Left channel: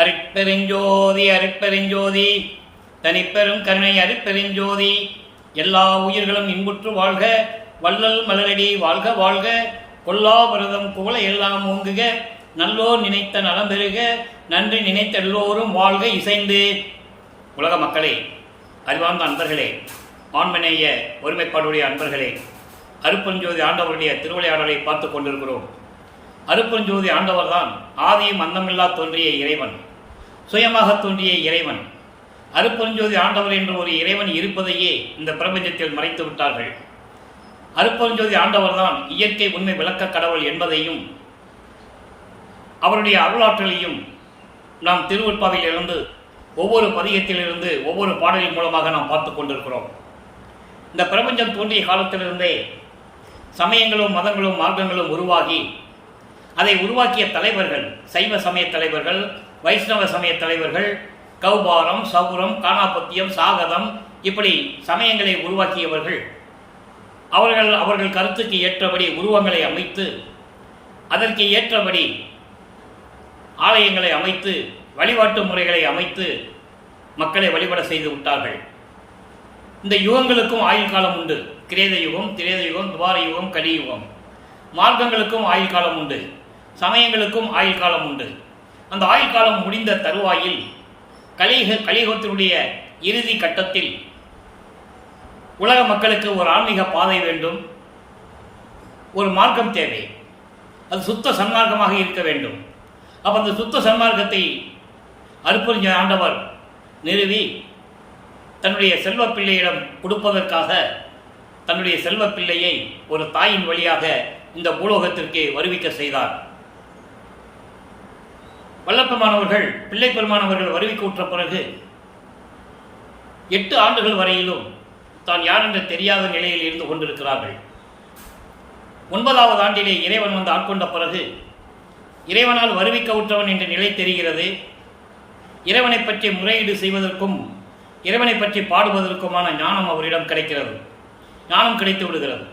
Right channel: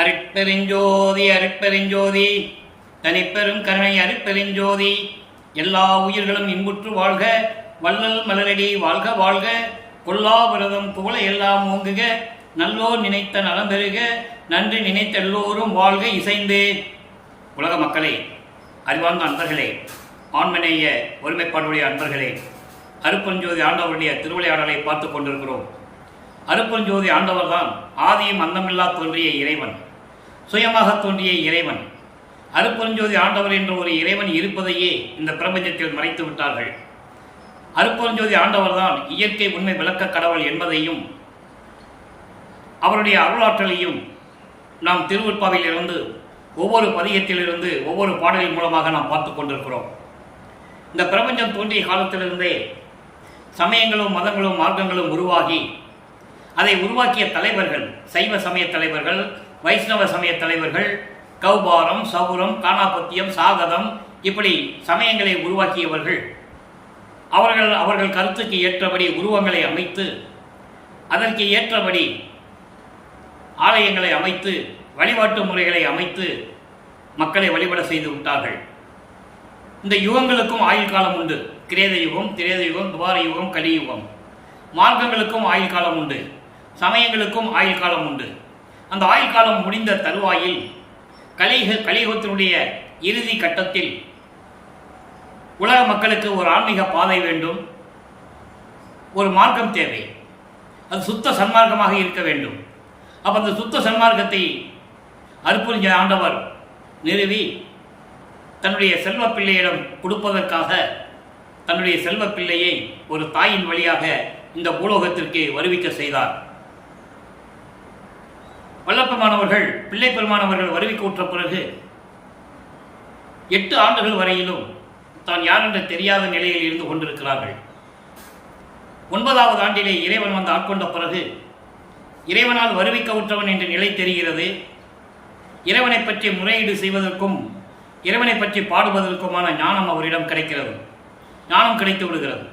அருட்பெருஞ்சோதி அருட்பெருஞ்சோதி தனிப்பெரும் கருணை அருட்பெருஞ்சோதி. எல்லா உயிர்களும் இன்புற்று வாழ்க, வள்ளல் மலரடி வாழ்க வாழ்க, கொல்லாவிரதம் புகழ எல்லாம் ஓங்குக, நல்லோர் நினைத்த நலம் பெறுக, நன்றி நினைத்த எல்லோரும் வாழ்க இசைந்து. உலக மக்களே, அறிவார்ந்த அன்பர்களே, ஆண்மநேய ஒருமைப்பாடுடைய அன்பர்களே, அருட்பெருஞ்சோதி ஆண்டவருடைய திருவிளையாடலை பார்த்து கொண்டிருக்கிறோம். அருட்பெருஞ்சோதி ஆண்டவர்தான் ஆதியும் அந்தமில்லா தோன்றிய இறைவன், சுயமாக தோன்றிய இறைவன். அருட்பெருஞ்சோதி ஆண்டவர் என்ற ஒரு இறைவன் இருப்பதையே இந்த பிரபஞ்சத்தில் மறைத்து விட்டார்கள். அருட்பெருஞ்சோதி ஆண்டவர்தான் இயற்கை உண்மை விளக்க கடவுள் என்பதையும் அவருடைய அருளாற்றலையும் நாம் திருவருட்பாவிலிருந்து ஒவ்வொரு பதிகத்திலிருந்து ஒவ்வொரு பாடலின் மூலமாக நாம் பார்த்து கொண்டிருக்கிறோம். இந்த பிரபஞ்சம் தோன்றிய காலத்திலிருந்தே சமயங்களும் மதங்களும் மார்க்கங்களும் உருவாகி அதை உருவாக்கிய தலைவர்கள், சைவ சமய தலைவர்கள், வைஷ்ணவ சமய தலைவர்கள், கௌபாரம், சௌரம், காணாபத்தியம், சாகதம், இப்படி சமயங்களை உருவாக்கியவர்கள் அவர்கள் கருத்துக்கு ஏற்றபடி உருவங்களை அமைத்து அதற்கு ஏற்றபடி ஆலயங்களை அமைத்து வழிபாட்டு முறைகளை அமைத்து மக்களை வழிபட செய்து விட்டார்கள். இந்த யுகங்களுக்கும் ஆயுள் காலம் உண்டு. கிரேத யுகம், திரேத யுகம், துவார யுகம், கலியுகம். மார்க்கங்களுக்கும் ஆயுள் காலம் உண்டு, சமயங்களுக்கும் ஆயுள் காலம் உண்டு. அந்த ஆயுள் காலம் முடிந்த தருவாயில் கலியுகத்தினுடைய இறுதி கட்டத்தில் உலக மக்களுக்கு ஒரு ஆன்மீக பாதை வேண்டும், ஒரு மார்க்கம் தேவை. அது சுத்த சன்மார்க்கமாக இருக்க வேண்டும். அப்போ அந்த சுத்த சன்மார்க்கத்தை அருட்பெருஞ்சோதி ஆண்டவர் நிறுவி தன்னுடைய செல்வ பிள்ளையிடம் கொடுப்பதற்காக தன்னுடைய செல்வ பிள்ளையை ஒரு தாயின் வழியாக இந்த பூலோகத்திற்கு வருவிக்க செய்தார். வல்லப்பெருமானவர்கள், பிள்ளை பெருமானவர்கள் வருவிக்க உற்ற பிறகு 8 ஆண்டுகள் வரையிலும் தான் யார் என்று தெரியாத நிலையில் இருந்து கொண்டிருக்கிறார்கள். 9வது ஆண்டிலே இறைவன் வந்து ஆட்கொண்ட பிறகு இறைவனால் வருவிக்க உற்றவன் என்ற நிலை தெரிகிறது. இறைவனை பற்றி முறையீடு செய்வதற்கும் இறைவனை பற்றி பாடுவதற்குமான ஞானம் அவரிடம் கிடைக்கிறது. ஞானம் கிடைத்து விடுகிறது.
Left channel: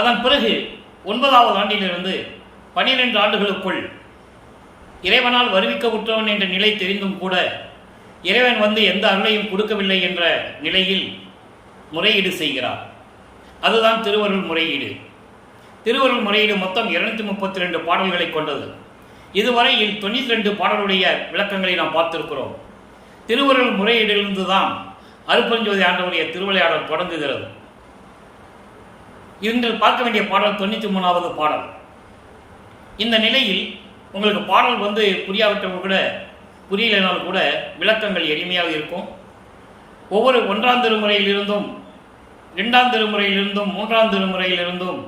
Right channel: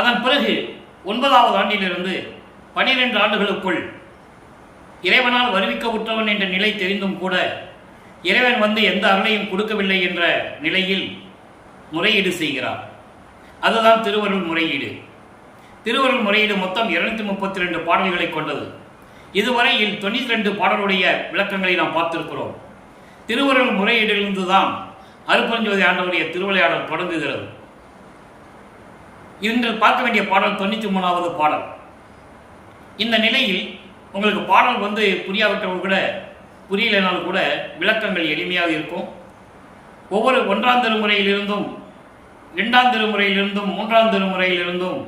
அதன் பிறகு 9வது ஆண்டிலிருந்து 12 ஆண்டுகளுக்குள் இறைவனால் வருவிக்க உற்றவன் என்ற நிலை தெரிந்தும் கூட இறைவன் வந்து எந்த அருளையும் கொடுக்கவில்லை என்ற நிலையில் முறையீடு செய்கிறார். அதுதான் திருவருள் முறையீடு. திருவருள் முறையீடு மொத்தம் 232 பாடல்களை கொண்டது. இதுவரையில் 92 பாடலுடைய விளக்கங்களை நாம் பார்த்திருக்கிறோம். திருவருள் முறையீடிலிருந்து தான் அருட்பெருஞ்சோதி ஆண்டவருடைய திருவிளையாடல் தொடங்குகிறது. இன்று பார்க்க வேண்டிய பாடல் 93வது பாடல். இந்த நிலையில் உங்களுக்கு பாடல் வந்து புரியாவிட்டவர்கள் கூட, புரியலைனால் கூட விளக்கங்கள் எளிமையாக இருக்கும். ஒவ்வொரு 1ஆம் திருமுறையிலிருந்தும் 2ஆம் திருமுறையிலிருந்தும் 3ஆம் திருமுறையிலிருந்தும்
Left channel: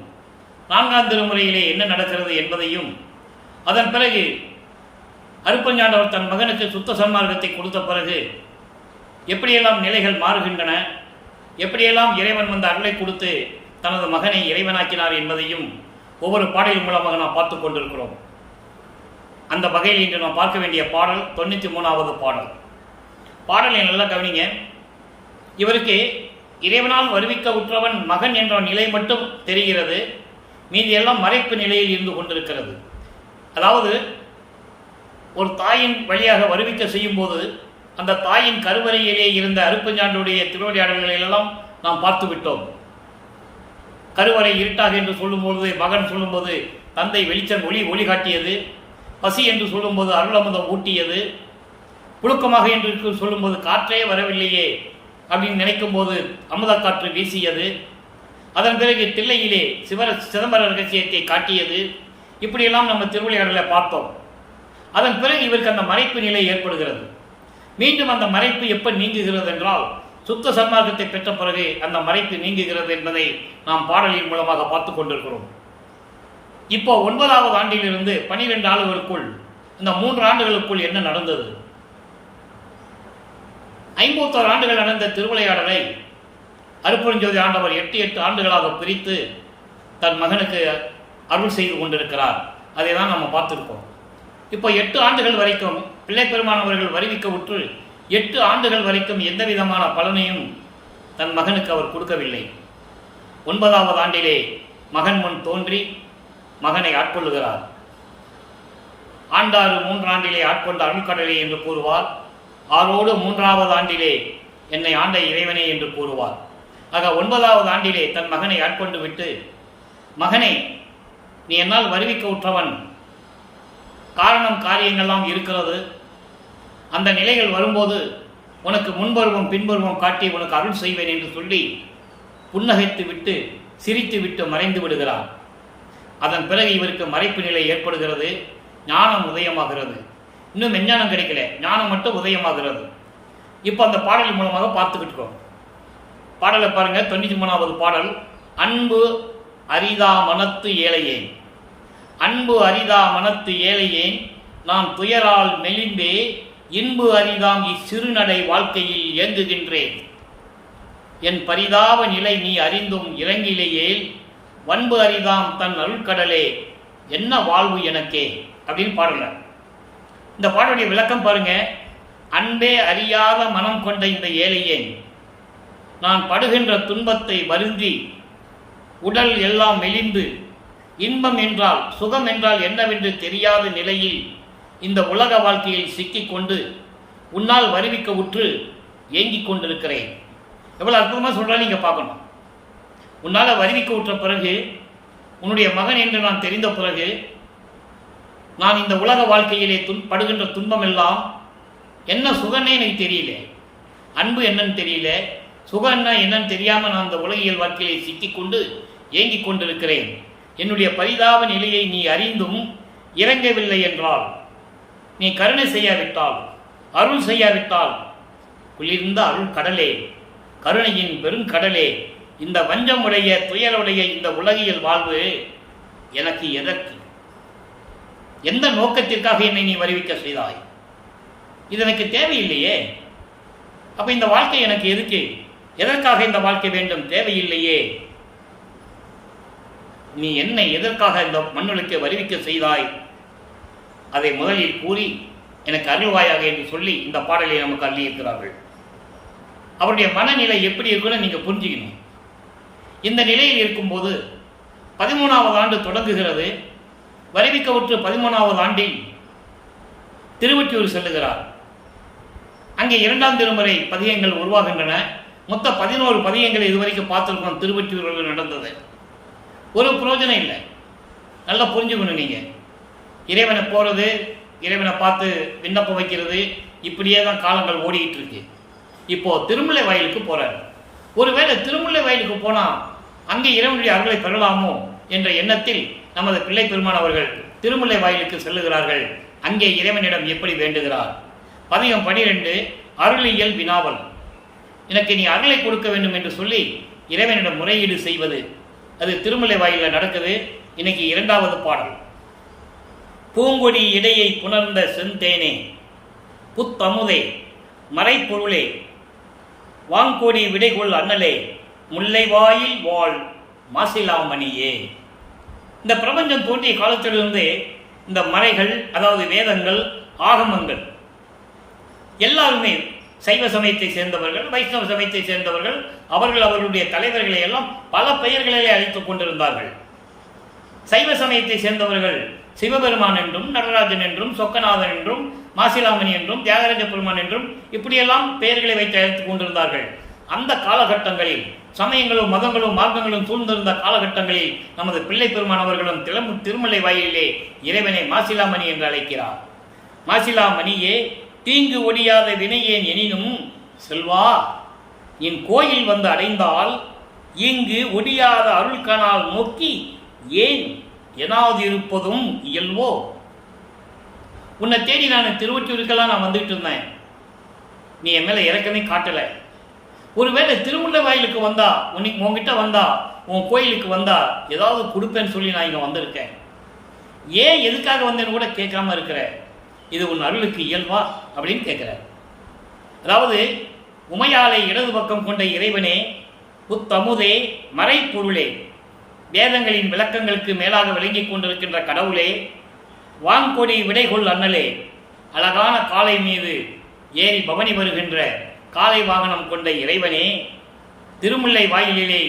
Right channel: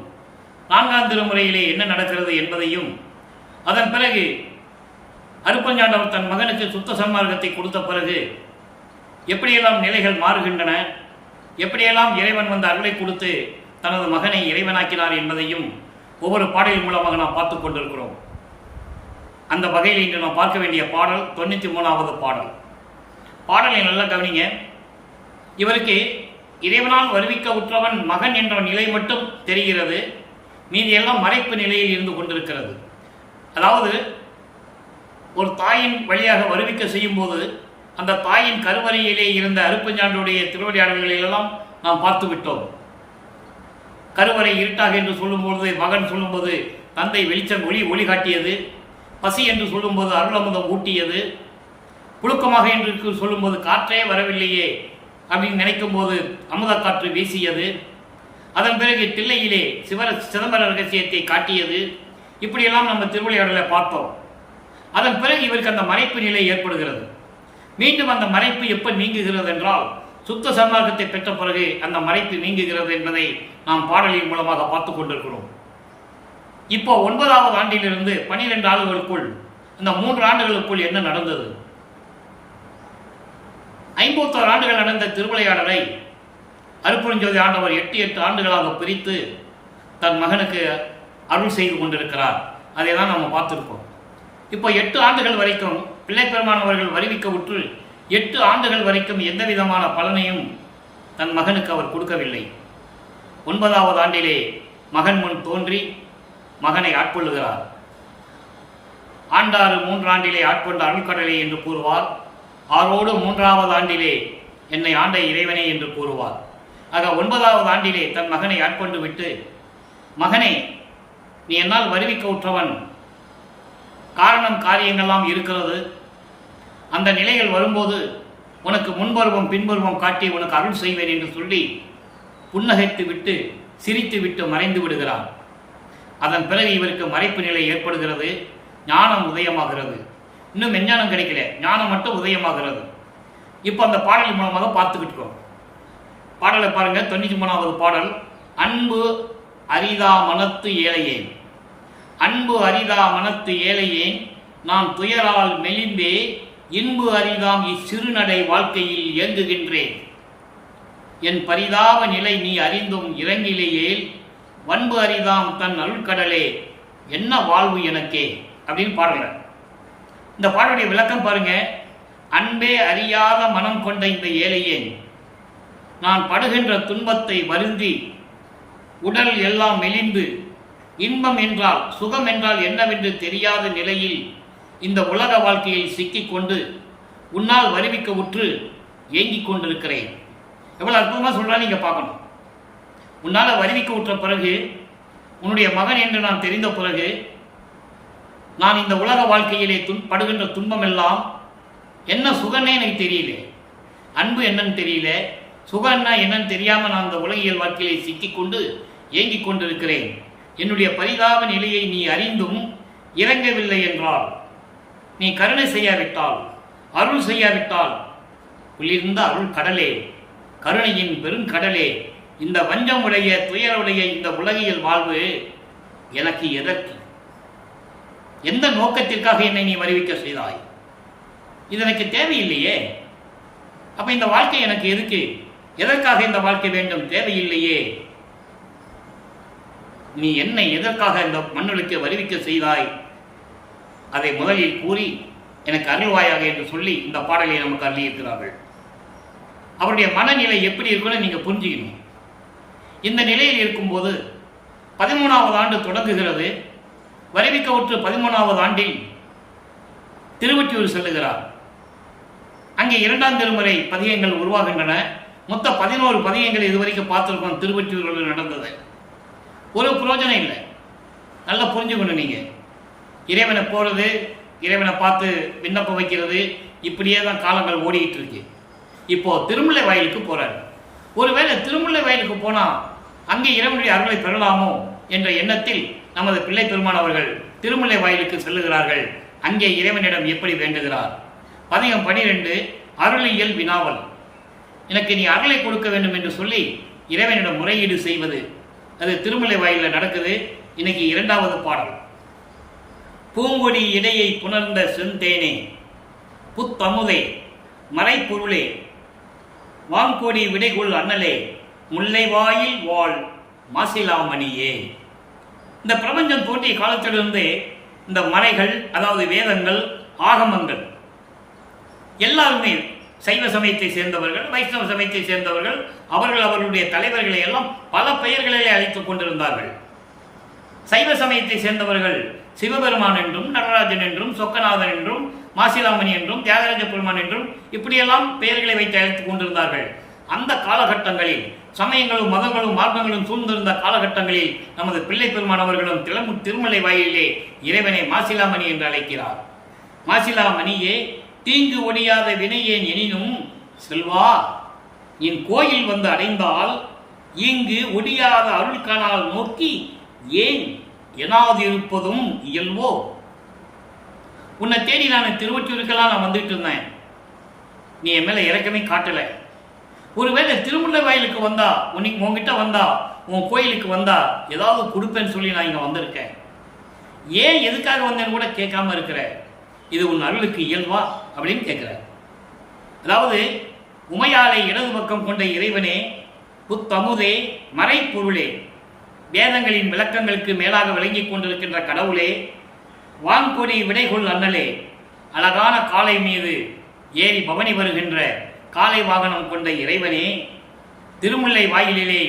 4ஆம் திருமுறையிலே என்ன நடக்கிறது என்பதையும், அதன் பிறகு அருட்பெருஞ்சாண்டவர் தன் மகனுக்கு சுத்த சன்மார்க்கத்தை கொடுத்த பிறகு எப்படியெல்லாம் நிலைகள் மாறுகின்றன, எப்படியெல்லாம் இறைவன் வந்து அருளை கொடுத்து தனது மகனை இறைவனாக்கினார் என்பதையும் ஒவ்வொரு பாடலின் மூலமாக நாம் பார்த்து கொண்டிருக்கிறோம். அந்த வகையில் இன்று நாம் பார்க்க வேண்டிய பாடல் 93வது பாடல். பாடலை நல்லா கவனிங்க. இவருக்கு இறைவனால் வருவிக்க உற்றவன் மகன் என்ற நிலை மட்டும் தெரிகிறது. மீதியெல்லாம் மறைப்பு நிலையில் இருந்து கொண்டிருக்கிறது. அதாவது ஒரு தாயின் வழியாக வருவிக்க செய்யும் போது அந்த தாயின் கருவறையிலே இருந்த அருட்பெருஞ்சாண்டவருடைய திருவிளையாடல்களெல்லாம் நாம் பார்த்து விட்டோம். கருவறை இருட்டாக என்று சொல்லும்போது மகன் சொல்லும்போது தந்தை வெளிச்சம் ஒளி காட்டியது. பசி என்று சொல்லும்போது அருளமுதம் ஊட்டியது. புழுக்கமாக என்று சொல்லும்போது காற்றே வரவில்லையே அப்படின்னு நினைக்கும் போது அமுத காற்று வீசியது. அதன் பிறகு தில்லையிலே சிதம்பர ரகசியத்தை காட்டியது. இப்படியெல்லாம் நம்ம திருவிளையாடலை பார்த்தோம். அதன் பிறகு இவருக்கு அந்த மறைப்பு நிலை ஏற்படுகிறது. மீண்டும் அந்த மறைப்பு எப்போ நீங்குகிறது என்றால் சுத்த சன்மார்க்கத்தை பெற்ற பிறகு அந்த மறைப்பு நீங்குகிறது என்பதை நாம் பாடலின் மூலமாக பார்த்து கொண்டிருக்கிறோம். இப்போ 9வது ஆண்டிலிருந்து 12 ஆண்டுகளுக்குள், இந்த 3 ஆண்டுகளுக்குள் என்ன நடந்தது? 51 ஆண்டுகள் நடந்த திருவிளையாடலை அருட்பெருஞ்சோதி ஆண்டவர் 8 ஆண்டுகளாக பிரித்து தன் மகனுக்கு அருள் செய்து கொண்டிருக்கிறார். அதை தான் நம்ம பார்த்துருக்கோம். இப்போ 8 ஆண்டுகள் வரைக்கும் பிள்ளை பெருமானவர்கள் வருவிக்க உற்று 8 ஆண்டுகள் வரைக்கும் எந்த விதமான பலனையும் தன் மகனுக்கு அவர் கொடுக்கவில்லை. 9வது ஆண்டிலே மகன் முன் தோன்றி மகனை ஆட்கொள்ளுகிறார். ஆண்டாறு 3 ஆண்டிலே ஆட்கொண்ட அருள்கடலே என்று கூறுவார். ஆரோடு 3வது ஆண்டிலே என்னை ஆண்ட இறைவனே என்று கூறுவார். ஆக 9வது ஆண்டிலே தன் மகனை ஆட்கொண்டு விட்டு, மகனே, நீ என்னால் வருவிக்க உற்றவன், காரணம் காரியங்கள்லாம் இருக்கிறது, அந்த நிலைகள் வரும்போது உனக்கு முன்பருவம் பின்பருவம் காட்டி உனக்கு அருள் செய்வேன் என்று சொல்லி புன்னகைத்து விட்டு சிரித்து விட்டு மறைந்து விடுகிறான். அதன் பிறகு இவருக்கு மறைப்பு நிலை ஏற்படுகிறது. ஞானம் உதயமாகிறது. இன்னும் மெஞ்ஞானம் கிடைக்கல, ஞானம் மட்டும் உதயமாகிறது. இப்போ அந்த பாடல் மூலமாக பார்த்துக்கிட்டோம். பாடலை பாருங்க. 93வது பாடல். அன்பு அரிதா மனத்து ஏழையேன், அன்பு அரிதா மனத்து ஏழையேன், நான் துயரால் மெலிந்தே இன்பு அரிதாம் இச்சிறுநடை வாழ்க்கையில் இயங்குகின்றேன். என் பரிதாப நிலை நீ அறிந்தும் இறங்கிலேயேல், வன்பு அரிதாம் தன் அருள்கடலே, என்ன வாழ்வு எனக்கே அப்படின்னு பாடல. இந்த பாடலுடைய விளக்கம் பாருங்க. அன்பே அறியாத மனம் கொண்ட இந்த ஏழையேன், நான் படுகின்ற துன்பத்தை வருந்தி உடல் எல்லாம் மெலிந்து இன்பம் என்றால் சுகம் என்றால் என்னவென்று தெரியாத நிலையில் இந்த உலக வாழ்க்கையில் சிக்கிக்கொண்டு உன்னால் வருவிக்க உற்று ஏங்கிக் கொண்டிருக்கிறேன். எவ்வளவு அற்புதமாக சொல்றா நீங்க பார்க்கணும். உன்னால் வருவிக்க உற்ற பிறகு, உன்னுடைய மகன் என்று நான் தெரிந்த பிறகு, நான் இந்த உலக வாழ்க்கையிலே படுகின்ற துன்பம் எல்லாம் என்ன சுகன்னே எனக்கு தெரியல, அன்பு என்னன்னு தெரியல, சுகன்னா என்னன்னு தெரியாமல் நான் அந்த உலகியல் வாழ்க்கையிலே சிக்கிக்கொண்டு ஏங்கிக் கொண்டிருக்கிறேன். என்னுடைய பரிதாப நிலையை நீ அறிந்தும் இறங்கவில்லை என்றால், நீ கருணை செய்யாவிட்டால், அருள் செய்யாவிட்டால், குளிர்ந்த அருள் கடலே, கருணையின் பெருங்கடலே, இந்த வஞ்சமுடைய துயருடைய இந்த உலகியல் வாழ்வு எனக்கு எதற்கு, எந்த நோக்கத்திற்காக என்னை நீ வருவிக்க செய்தாய்? இது எனக்கு தேவையில்லையே. அப்ப இந்த வாழ்க்கை எனக்கு எதுக்கு? எதற்காக இந்த வாழ்க்கை வேண்டும்? தேவையில்லையே. நீ என்னை எதற்காக இந்த மண்ணுக்கு வருவிக்க செய்தாய்? அதை முதலில் கூறி எனக்கு அருள்வாயாக என்று சொல்லி இந்த பாடலை நமக்கு அள்ளியிருக்கிறார்கள். அவருடைய மனநிலை எப்படி இருக்குன்னு நீங்க புரிஞ்சுக்கணும். இந்த நிலையில் இருக்கும்போது 13வது ஆண்டு தொடங்குகிறது. வருவிக்க உற்று 13வது ஆண்டில் திருவொற்றியூர் செல்லுகிறார். அங்கே 2ஆம் திருமுறை பதிகங்கள் உருவாகின்றன. மொத்தம் 11 பதிகங்கள் இதுவரைக்கும் பார்த்துருக்கோம். திருவொற்றியூரில் நடந்தது ஒரு பிரயோஜனம் இல்லை. நல்லா புரிஞ்சுக்கணும். நீங்க இறைவனை போறது, இறைவனை பார்த்து விண்ணப்பம் வைக்கிறது, இப்படியே தான் காலங்கள் ஓடிக்கிட்டு இருக்கு. இப்போ திருமுல்லை வாயிலுக்கு போறாரு. ஒருவேளை திருமுல்லை வாயிலுக்கு போனா அங்கே இறைவனுடைய அருளை பெறலாமோ என்ற எண்ணத்தில் நமது பிள்ளை பெருமான் அவர்கள் திருமுல்லை வாயிலுக்கு செல்லுகிறார்கள். அங்கே இறைவனிடம் எப்படி வேண்டுகிறார்? பதிகம் 12 அருளியல் வினாவல். எனக்கு நீ அருளை கொடுக்க வேண்டும் என்று சொல்லி இறைவனிடம் முறையீடு செய்வது, அது திருமுல்லை வாயிலில் நடக்குது. இன்னைக்கு 2வது பாடல். பூங்கொடி இடையை புணர்ந்த செந்தேனே, புத்தமுதே, மறைப்பொருளே, வாங்கொடி விடைகொள் அண்ணலே, முல்லை வாயில் வாழ் மாசிலாமணியே. இந்த பிரபஞ்சம் தோன்றிய காலத்திலிருந்தே இந்த மறைகள், அதாவது வேதங்கள், ஆகமங்கள் எல்லாருமே சைவ சமயத்தை சேர்ந்தவர்கள், வைஷ்ணவ சமயத்தை சேர்ந்தவர்கள், அவர்களுடைய தலைவர்களை எல்லாம் பல பெயர்களிலே அழைத்துக் கொண்டிருந்தார்கள். சைவ சமயத்தை சேர்ந்தவர்கள் சிவபெருமான் என்றும், நடராஜன் என்றும், சொக்கநாதன் என்றும், மாசிலாமணி என்றும், தியாகராஜ பெருமான் என்றும் இப்படியெல்லாம் பெயர்களை வைத்து அழைத்துக் கொண்டிருந்தார்கள். அந்த காலகட்டங்களில் சமயங்களும் மதங்களும் மார்க்கங்களும் சூழ்ந்திருந்த காலகட்டங்களில் நமது பிள்ளை பெருமான் அவர்களும் திருமலை வாயிலே இறைவனை மாசிலாமணி என்று அழைக்கிறார். மாசிலாமணியே, தீங்கு ஒடியாத வினையேன் எனினும் செல்வா, என் கோயில் வந்து அடைந்தால் இங்கு ஒடியாத அருள்கனால் நோக்கி ஏன் எனாது இருப்பதும் இயல்வோ. உன்னை தேடி நான் திருவொற்றியூருக்கெல்லாம் நான் வந்துட்டு இருந்தேன், நீ என் மேல இறக்கமே காட்டல. ஒருவேளை திருமுல்லை வாயிலுக்கு வந்தா, உன்கிட்ட வந்தா, உன் கோயிலுக்கு வந்தா ஏதாவது கொடுப்பேன்னு சொல்லி நான் இங்க வந்திருக்கேன். ஏன் எதுக்காக வந்தேன்னு கூட கேட்காம இருக்கிற, இது உன் அருளுக்கு இயல்வா அப்படின்னு கேட்கிற. அதாவது உமையாலை இடது பக்கம் கொண்ட இறைவனே, புத்தமுதே, மறைப்பொருளே, வேதங்களின் விளக்கங்களுக்கு மேலாக விளங்கிக் கொண்டிருக்கின்ற கடவுளே, வாங்கொடி விடைகொள் அண்ணலே, அழகான காளை மீது ஏறி பவனி வருகின்ற காளை வாகனம் கொண்ட இறைவனே, திருமுல்லை வாயிலிலே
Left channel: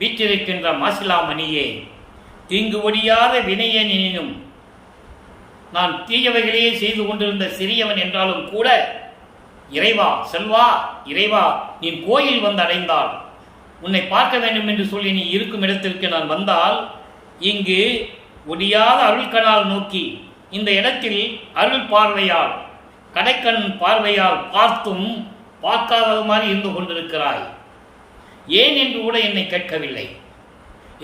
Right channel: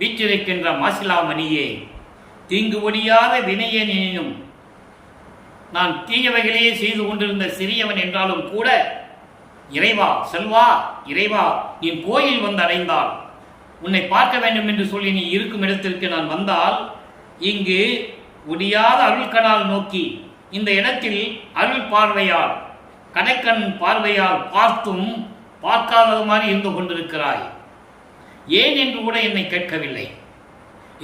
வீற்றிருக்கின்ற மாசிலாமணியே, தீங்கு ஒடியாத வினையன் எனினும் நான் தீயவைகளையே செய்து கொண்டிருந்த சிறியவன் என்றாலும் கூட, இறைவா செல்வா, இறைவா நீ கோயில் வந்து அடைந்தால், உன்னை பார்க்க வேண்டும் என்று சொல்லி நீ இருக்கும் இடத்திற்கு நான் வந்தால், இங்கு ஒடியாத அருள்கணால் நோக்கி இந்த இடத்தில் அருள் பார்வையால், கடைக்கண் பார்வையால் பார்த்தும் பார்க்காதது மாதிரி இருந்து கொண்டிருக்கிறாய். ஏன் என்று கூட என்னை கேட்கவில்லை.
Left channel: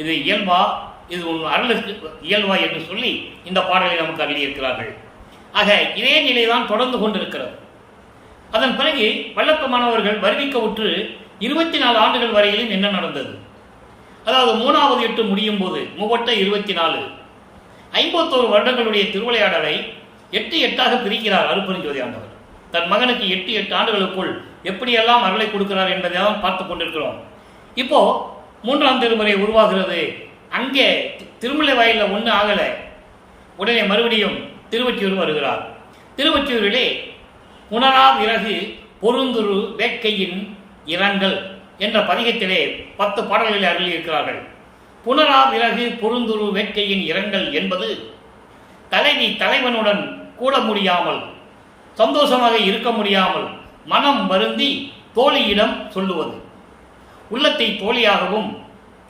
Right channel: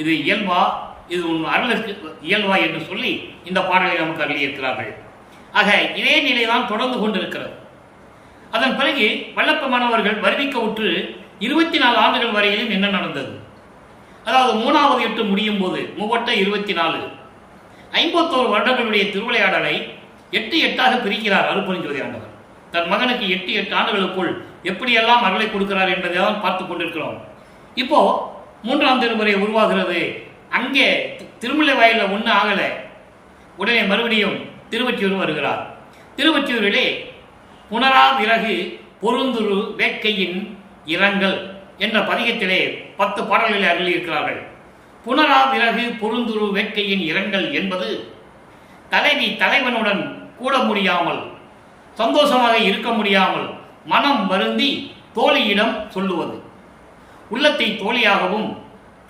இது இயல்பா, இது உன் அருளுக்கு இயல்பா என்று சொல்லி இந்த பாடலை நமக்கு அருளியிருக்கிறார்கள். ஆக இதே நிலைதான் தொடர்ந்து கொண்டிருக்கிறது. அதன் பிறகு வல்லப்ப மாணவர்கள் வருவிக்க உற்று 24 ஆண்டுகள் வரையிலும் என்ன நடந்தது? அதாவது 3வது 8 முடியும் போது 24 51 வருடங்களுடைய திருவிளையாடலை 8 பிரிக்கிறார் அருட்பெருஞ்சோதி ஆண்டவர். தன் மகனுக்கு 8 ஆண்டுகளுக்குள் எப்படியெல்லாம் அருளை கொடுக்கிறார் என்பதை தான் பார்த்து கொண்டிருக்கிறோம். இப்போ 3ஆம் திருமுறை உருவாகிறது. அங்கே திருமலை வாயிலில் ஒன்று ஆகலை. உடனே மறுபடியும் திருவொற்றியூர் வருகிறார். திருவொற்றியூரிலே புனரா விறகு பொருந்துரு வேட்கையின் இரங்கல் என்ற பதிகத்திலே 10 பாடல்களை அருளியிருக்கிறார்கள். புனரா விறகு பொருந்துரு வேட்கையின் இரங்கல் என்பது தலைவி தலைவனுடன் கூட முடியாமல், சந்தோஷமாக இருக்க முடியாமல் மனம் வருந்தி தோழியிடம் சொல்லுவது. உள்ளத்தை தோழியாகவும்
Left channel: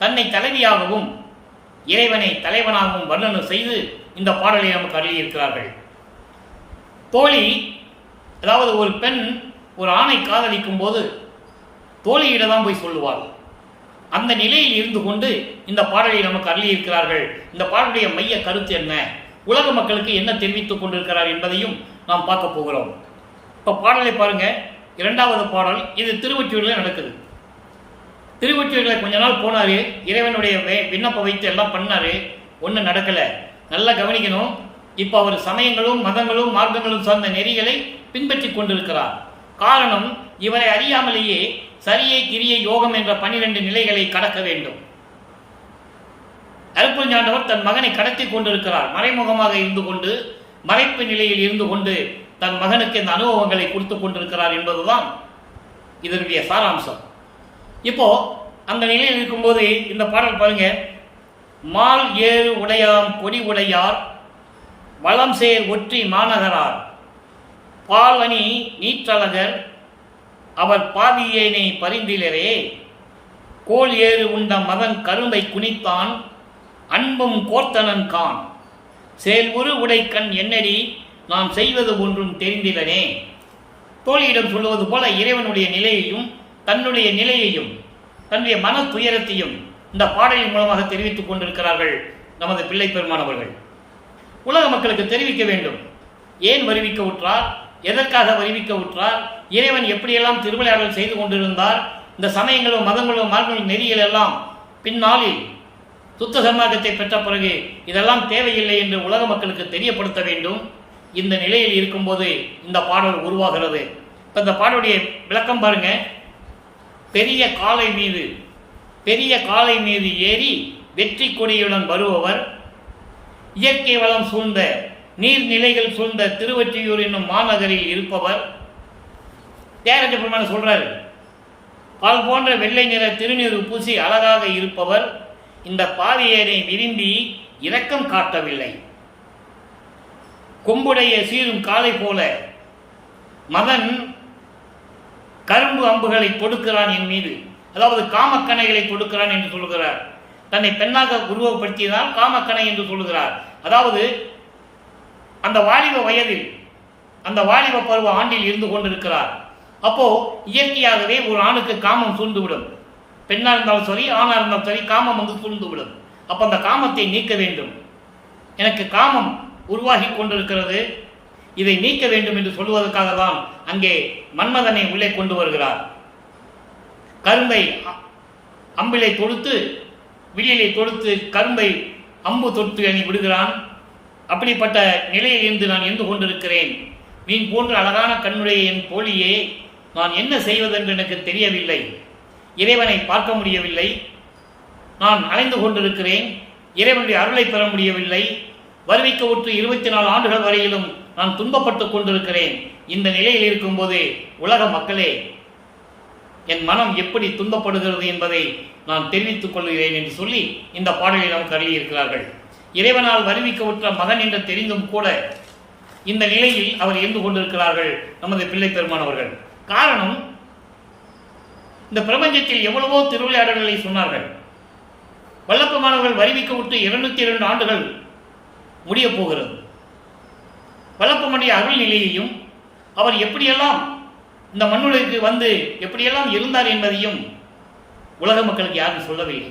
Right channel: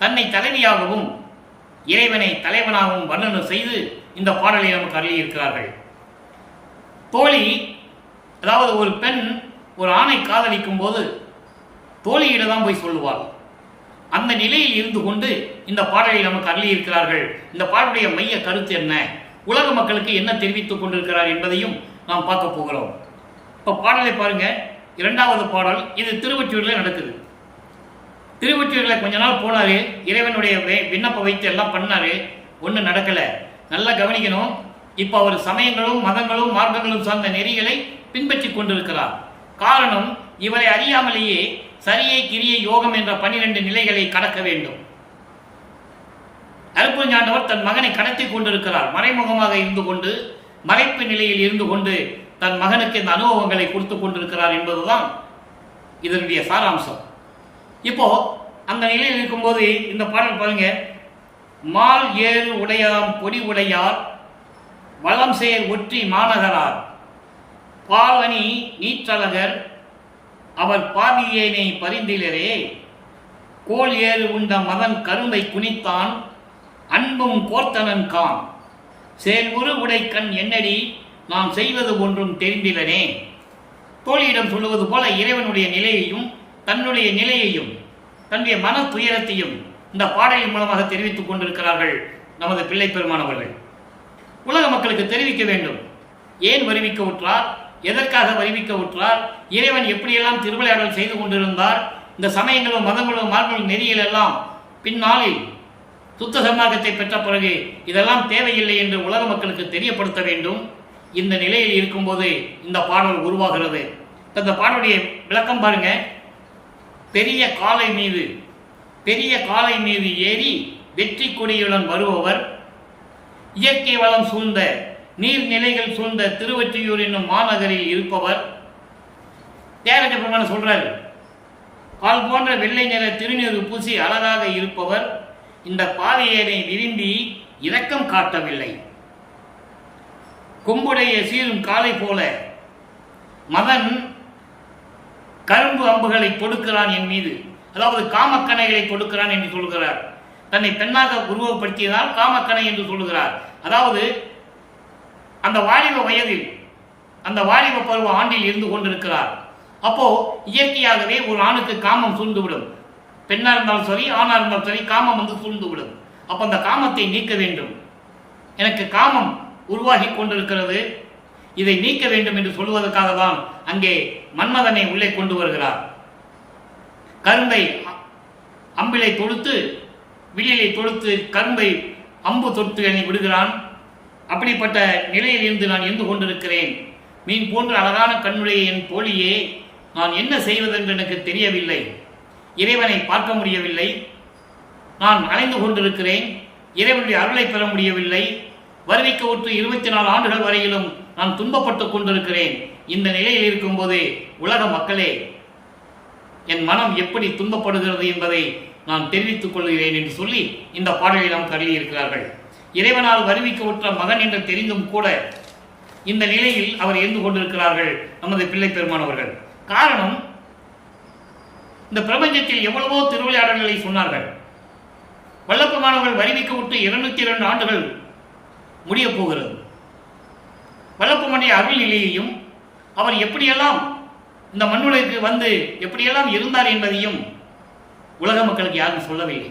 தன்னை தலைவியாகவும் இறைவனை தலைவனாகவும் வர்ணனை செய்து இந்த பாடலை நமக்கு அருளியிருக்கிறார்கள். தோழி, அதாவது ஒரு பெண் ஒரு ஆணை காதலிக்கும் போது தோழியிடம் தான் போய் சொல்லுவாள். அந்த நிலையில் இருந்து கொண்டு இந்த பாடலை நமக்கு அருளியிருக்கிறார்கள். இந்த பாடலுடைய மைய கருத்து என்ன, உலக மக்களுக்கு என்ன தெரிவித்துக் கொண்டிருக்கிறார் என்பதையும் நாம் பார்க்க போகிறோம். இப்போ பாடலை பாருங்க. 2வது பாடல் இது திருவொற்றியூரில் நடக்குது. திருவொற்றியூரில் கொஞ்ச நாள் போனார், இறைவனுடைய விண்ணப்ப வைத்து எல்லாம் பண்ணார், ஒன்றும் நடக்கலை. நல்லா கவனிக்கணும். இப்போ அவர் சமயங்களும் மதங்களும் மார்க்கங்களும் சார்ந்த நெறிகளை பின்பற்றி கொண்டிருக்கிறார். காரணம், இவரை அறியாமலேயே சரியை கிரியை யோகம் என்ற 12 நிலைகளை கடக்க வேண்டும். அருட்பெருஞ்சாண்டவர் தன் மகனை கடத்தி கொண்டிருக்கிறார். மறைமுகமாக இருந்து கொண்டு, மறைப்பு நிலையில் இருந்து கொண்டு தன் மகனுக்கு இந்த அனுபவங்களை கொடுத்து கொண்டிருக்கிறார் என்பதுதான் இதனுடைய சாராம்சம். இப்போ அந்த நிலையில் இருக்கும்போது இந்த பாடல் பாருங்க. மால் ஏறு உடையாம் கொடி உடையார், வளம் சேர் ஒற்றி மாநகரார், பால் அணி நீற்றழகர், அவர் பாவியேனை பரிந்திலரே, கோல் ஏறு உண்ட மதன் கரும்பை குனித்தான், அன்பும் கோர்த்தனன் கான், செயல்புறு உடை கண் என்னடி, நான் செய்வது ஒன்றும் தெரிந்திலனே. தோழியிடம் சொல்லுவது போல இறைவனுடைய நிலையையும் தன்னுடைய நிலையையும் தன்னுடைய மன துயரத்தையும் இந்த பாடலின் மூலமாக தெரிவித்துக் கொண்டிருக்கிறார்கள் நமது பிள்ளை பெருமானவர்கள். உலக மக்களுக்கு தெரிவிக்க வேண்டும். ஏன் வருவிக்க உற்றார், எதற்காக வருவிக்க உற்றார், இறைவன் எப்படியெல்லாம் திருவிளையாடல் செய்து கொண்டிருந்தார், இந்த சமயங்களும் மதங்களும் மார்க்கங்களும் நெறியில் எல்லாம் பின்னாளில் சுத்த சன்மார்க்கத்தை பெற்ற பிறகு இதெல்லாம் தேவையில்லை என்று உலக மக்களுக்கு தெரியப்படுத்த வேண்டும். இந்த நிலையில் இருக்கும்போது இந்த பாடல் உருவாகிறது. இந்த பாடலுடைய விளக்கம் பாருங்க. பெரிய காலை மீது ஏறி வெற்றி கொடியுடன் வருபவர், இயற்கை வளம் சூழ்ந்த நீர்நிலைகள் சூழ்ந்த திருவொற்றியூர் என்னும் மாநகரில் இருப்பவர். தியாகராஜ பெருமான் சொல்றாரு, பால் போன்ற வெள்ளை நிற திருநீறு பூசி அழகாக இருப்பவர் இந்த பாவியனை விரும்பி இரக்கம் காட்டவில்லை. கொம்புடைய சீரும் காலை போல மதன் கரும்பு அம்புகளை தொடுக்கிறான் என் மீது, அதாவது காமக்கணைகளை தொடுக்கிறான் என்று சொல்கிறார். தன்னை பெண்ணாக உருவப்படுத்தியதால் காமக்கணை என்று சொல்லுகிறார். அதாவது அந்த வாலிப வயதில், அந்த வாலிப பருவ ஆண்டில் இருந்து கொண்டிருக்கிறார். அப்போ இயற்கையாகவே ஒரு ஆணுக்கு காமம் சூழ்ந்துவிடும். பெண்ணா இருந்தாலும் சரி, ஆணா இருந்தாலும் சரி, காமம் வந்து சூழ்ந்துவிடும். அப்போ அந்த காமத்தை நீக்க வேண்டும். எனக்கு காமம் உருவாகி கொண்டிருக்கிறது, இதை நீக்க வேண்டும் என்று சொல்வதற்காக தான் அங்கே மன்மதனை உள்ளே கொண்டு வருகிறார். கரும்பை அம்பிலை தொடுத்து, விழிலை தொடுத்து கரும்பை அம்பு தொட்டு எண்ணி விடுகிறான். அப்படிப்பட்ட நிலையில் இருந்து நான் இருந்து கொண்டிருக்கிறேன். மீன் போன்ற அழகான கண்ணுடைய என் தோழியே, நான் என்ன செய்வதென்று எனக்கு தெரியவில்லை. இறைவனை பார்க்க முடியவில்லை. நான் அலைந்து கொண்டிருக்கிறேன். இறைவனுடைய அருளை பெற முடியவில்லை. வருவிக்க உற்று 24 ஆண்டுகள் வரையிலும் நான் துன்பப்பட்டு கொண்டிருக்கிறேன். இந்த நிலையில் இருக்கும்போதே உலக மக்களே, என் மனம் எப்படி துன்பப்படுகிறது என்பதை நான் தெரிவித்துக் கொள்கிறேன் என்று சொல்லி இந்த பாடலை நமக்கு அருளியிருக்கிறார்கள். இறைவனால் வருவிக்க உற்ற மகன் என்று தெரிந்தும் கூட இந்த நிலையில் அவர் இருந்து கொண்டிருக்கிறார்கள் நமது பிள்ளை பெருமானவர்கள். காரணம், இந்த பிரபஞ்சத்தில் எவ்வளவோ திருவிளையாடல்களை சொன்னார்கள். வல்லப்பெருமானவர்கள் வருவிக்க விட்டு 202 ஆண்டுகள் முடியப் போகிறது. வல்லப்பெருமானுடைய அருள் நிலையையும் அவர் எப்படியெல்லாம் இந்த மண்ணுலகிற்கு வந்து எப்படியெல்லாம் இருந்தார் என்பதையும் உலக மக்களுக்கு யாரும் சொல்லவில்லை.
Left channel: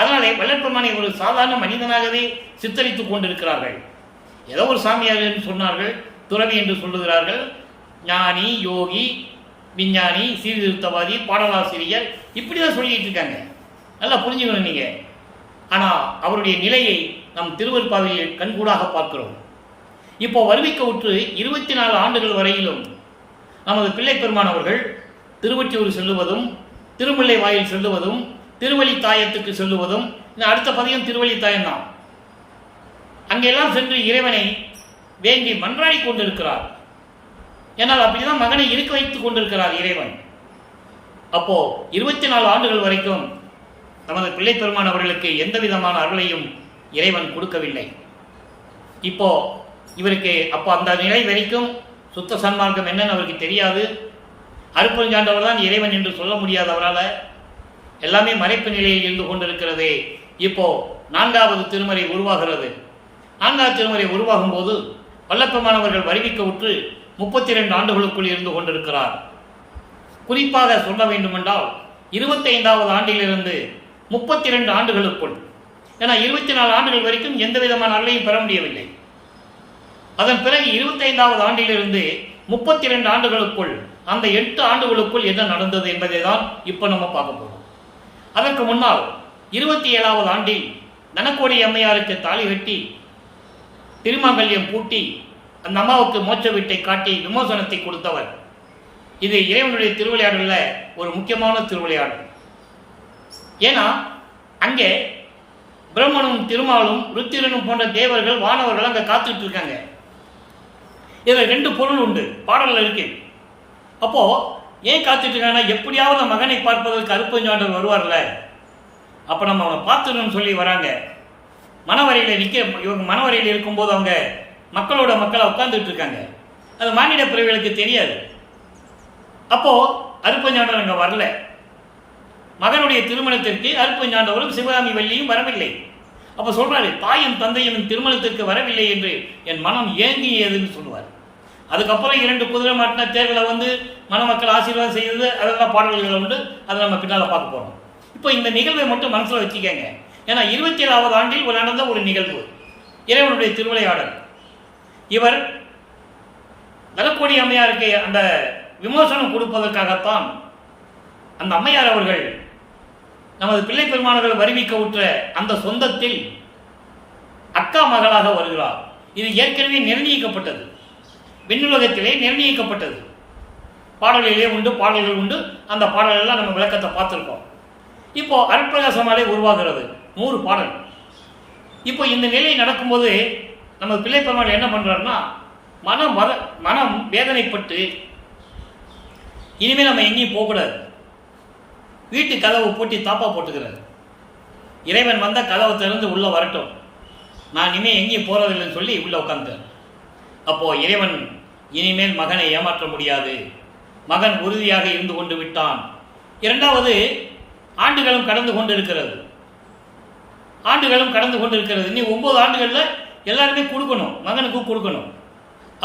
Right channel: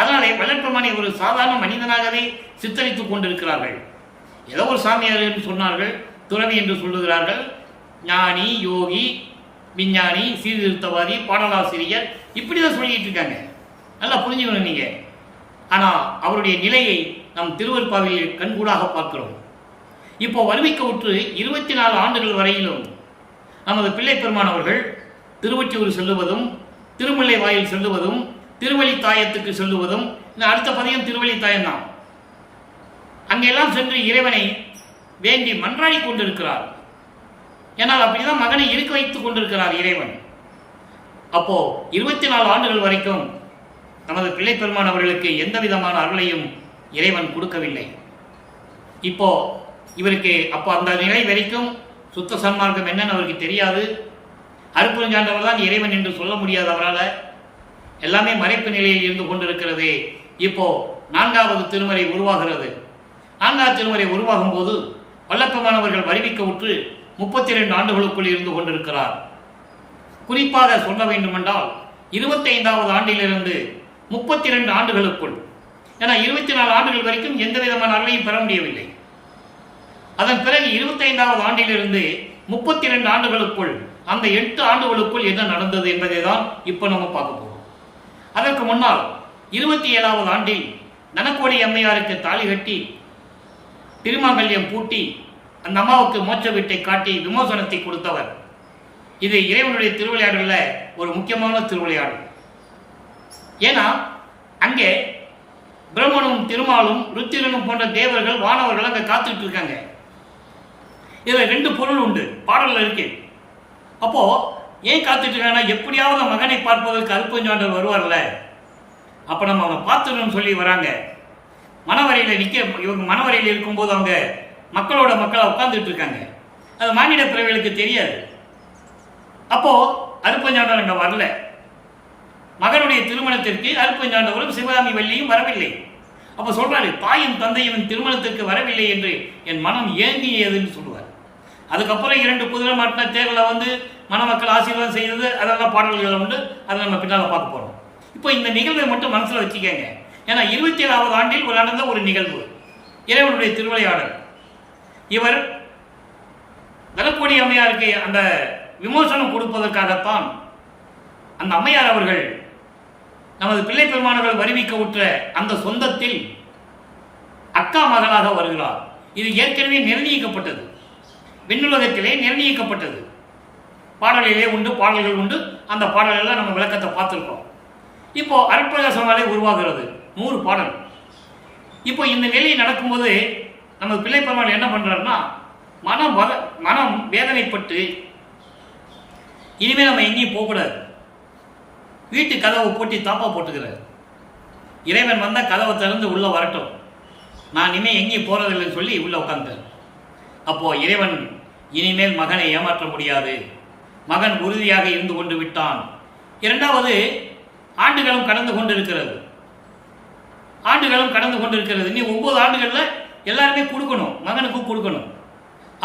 அதனாலே வல்லப்பெருமானை ஒரு சாதாரண மனிதனாகவே சித்தரித்துக் கொண்டிருக்கிறார்கள். ஏதோ ஒரு சாமியார் என்று சொன்னார்கள், துறவி என்று சொல்லுகிறார்கள், ஞானி, யோகி, விஞ்ஞானி, சீர்திருத்தவாதி, பாடலாசிரியர், இப்படி தான் சொல்லிட்டு இருக்காங்க. நல்லா புரிஞ்சுக்கணும் நீங்கள். ஆனால் அவருடைய நிலையை நம் திருவருட்பாவில் கண்கூடாக பார்க்கிறோம். இப்போ வருவிக்க உற்று 24 ஆண்டுகள் வரையிலும் நமது பிள்ளை பெருமானவர்கள் திருவொற்றியூர் செல்லுவதும், திருமுல்லை வாயில் செல்லுவதும், திருவழித்தாயத்துக்கு செல்லுவதும், அடுத்த பதியம் திருவழித்தாயம் தான். அங்கெல்லாம் சென்று இறைவனை வேண்டி மன்றாடி கொண்டிருக்கிறார். ஏன்னால் அப்படிதான் மகனை இருக்க வைத்துக் கொண்டிருக்கிறார் இறைவன். அப்போ 24 ஆண்டுகள் வரைக்கும் நமது பிள்ளை பெருமான் அவர்களுக்கு எந்த விதமான அருளையும் இறைவன் கொடுக்கவில்லை. இப்போ இவருக்கு அப்போ அந்த நிலை வரைக்கும் சுத்த சன்மார்க்கம் என்னன்னு அவருக்கு தெரியாது. அருட்பெருஞ்சாண்டவர் தான் இறைவன் என்று சொல்ல முடியாதவரால் எல்லாமே மறைப்பு நிலையில் இருந்து கொண்டிருக்கிறது. இப்போ 4வது திருமறை உருவாகிறது. 4வது திருமறை உருவாகும் போது வல்லப்பெருமானவர்கள் வருவிக்க உற்று 32 ஆண்டுகளுக்குள் இருந்து கொண்டிருக்கிறார். குறிப்பாக சொல்ல வேண்டுமென்றால் 25வது ஆண்டிலிருந்து 32 ஆண்டுகளுக்குள், ஏன்னா 24 ஆண்டுகள் வரைக்கும் எந்த விதமான அருளையும் பெற முடியவில்லை. அதன் பிறகு 25வது ஆண்டிலிருந்து 32 ஆண்டுகளுக்குள், அந்த 8 ஆண்டுகளுக்குள் என்ன நடந்தது என்பதை தான் இப்போ நம்ம பார்க்க போகிறோம். அதற்கு முன்னால் 27வது ஆண்டில் தனக்கோடி அம்மையாருக்கு தாலி கட்டி திருமாங்கல்யம் பூட்டி அந்த அம்மாவுக்கு மோட்ச வீட்டை காட்டி விமோசனத்தை கொடுத்தவர். இது இறைவனுடைய திருவிளையாடலில் ஒரு முக்கியமான திருவிளையாடல். ஏன்னா அங்கே பிரம்மனும் திருமாலும் ருத்திரனும் போன்ற தேவர்கள், வானவர்கள் அங்கே காத்துக்கிட்டு இருக்காங்க. இதில் 2 பொருள் உண்டு, பாடலில் இருக்கு. அப்போ ஏன் காத்துட்டு இருக்காங்கன்னா, எப்படியாவது மகனை பார்ப்பதற்கு அருட்பெருஞ்சாண்டவர் வருவார்ல, அப்போ நம்ம அவனை பார்த்துடணும்னு சொல்லி வராங்க. மணவரையில் இவங்க மணவரையில் இருக்கும்போது அவங்க மக்களோட மக்களாக உட்கார்ந்துட்டு இருக்காங்க. அது மானிட பிறவிகளுக்கு தெரியாது. அப்போ அருட்பெருஞ்சாண்டவர் அங்கே வரல. மகனுடைய திருமணத்திற்கு அருட்பெருஞ்சாண்டவரும் சிவகாமி வள்ளியும் வரவில்லை. அப்போ சொல்றாரு, தாயும் தந்தையும் திருமணத்திற்கு வரவில்லை என்று என் மனம் ஏங்கியதுன்னு சொல்லுவார். அதுக்கப்புறம் 2 குதிரை மாட்டின தேர்வில் வந்து மணமக்கள் ஆசீர்வாதம் செய்தது, அதெல்லாம் பாடல்கள் உண்டு. அதை நம்ம பின்னால் பார்க்க போகிறோம். இப்போ இந்த நிகழ்வை மட்டும் மனசில் வச்சுக்கங்க. ஏன்னா 27வது ஆண்டில் நடந்த ஒரு நிகழ்வு, இறைவனுடைய திருவிளையாடல். இவர் தனக்கோடி அம்மையாருக்கு அந்த விமோசனம் கொடுப்பதற்காகத்தான் அந்த அம்மையார் அவர்கள் நமது பிள்ளை பெருமானர்கள் வருவிக்க உற்ற அந்த சொந்தத்தில் அக்கா மகளாக வருகிறார். இது ஏற்கனவே நிர்ணயிக்கப்பட்டது, விண்ணுலகத்திலே நிர்ணயிக்கப்பட்டது. பாடலிலே உண்டு, பாடல்கள் உண்டு. அந்த பாடலெல்லாம் நம்ம விளக்கத்தை பார்த்துருக்கோம். இப்போ அருட்பிரகாசமாலே உருவாகிறது 100 பாடல். இப்போ இந்த நிலை நடக்கும்போது நம்ம பிள்ளை பெருமாள் என்ன பண்ணுறாருன்னா, மனம் வேதனைப்பட்டு இனிமேல் நம்ம எங்கேயும் போகக்கூடாது, வீட்டு கதவை பூட்டி தாப்பா போட்டுக்கிறார். இறைவன் வந்தால் கதவை திறந்து உள்ளே வரட்டும், நான் இனிமேல் எங்கேயும் போகிறதில்லைன்னு சொல்லி உள்ளே உட்காந்துட்டார். அப்போது இறைவன் இனிமேல் மகனை ஏமாற்ற முடியாது, மகன் உறுதியாக இருந்து கொண்டு விட்டான். 2வது ஆண்டுகளும் கடந்து கொண்டிருக்கிறது. இனி 9 ஆண்டுகளில் எல்லாருமே கொடுக்கணும், மகனுக்கும் கொடுக்கணும்.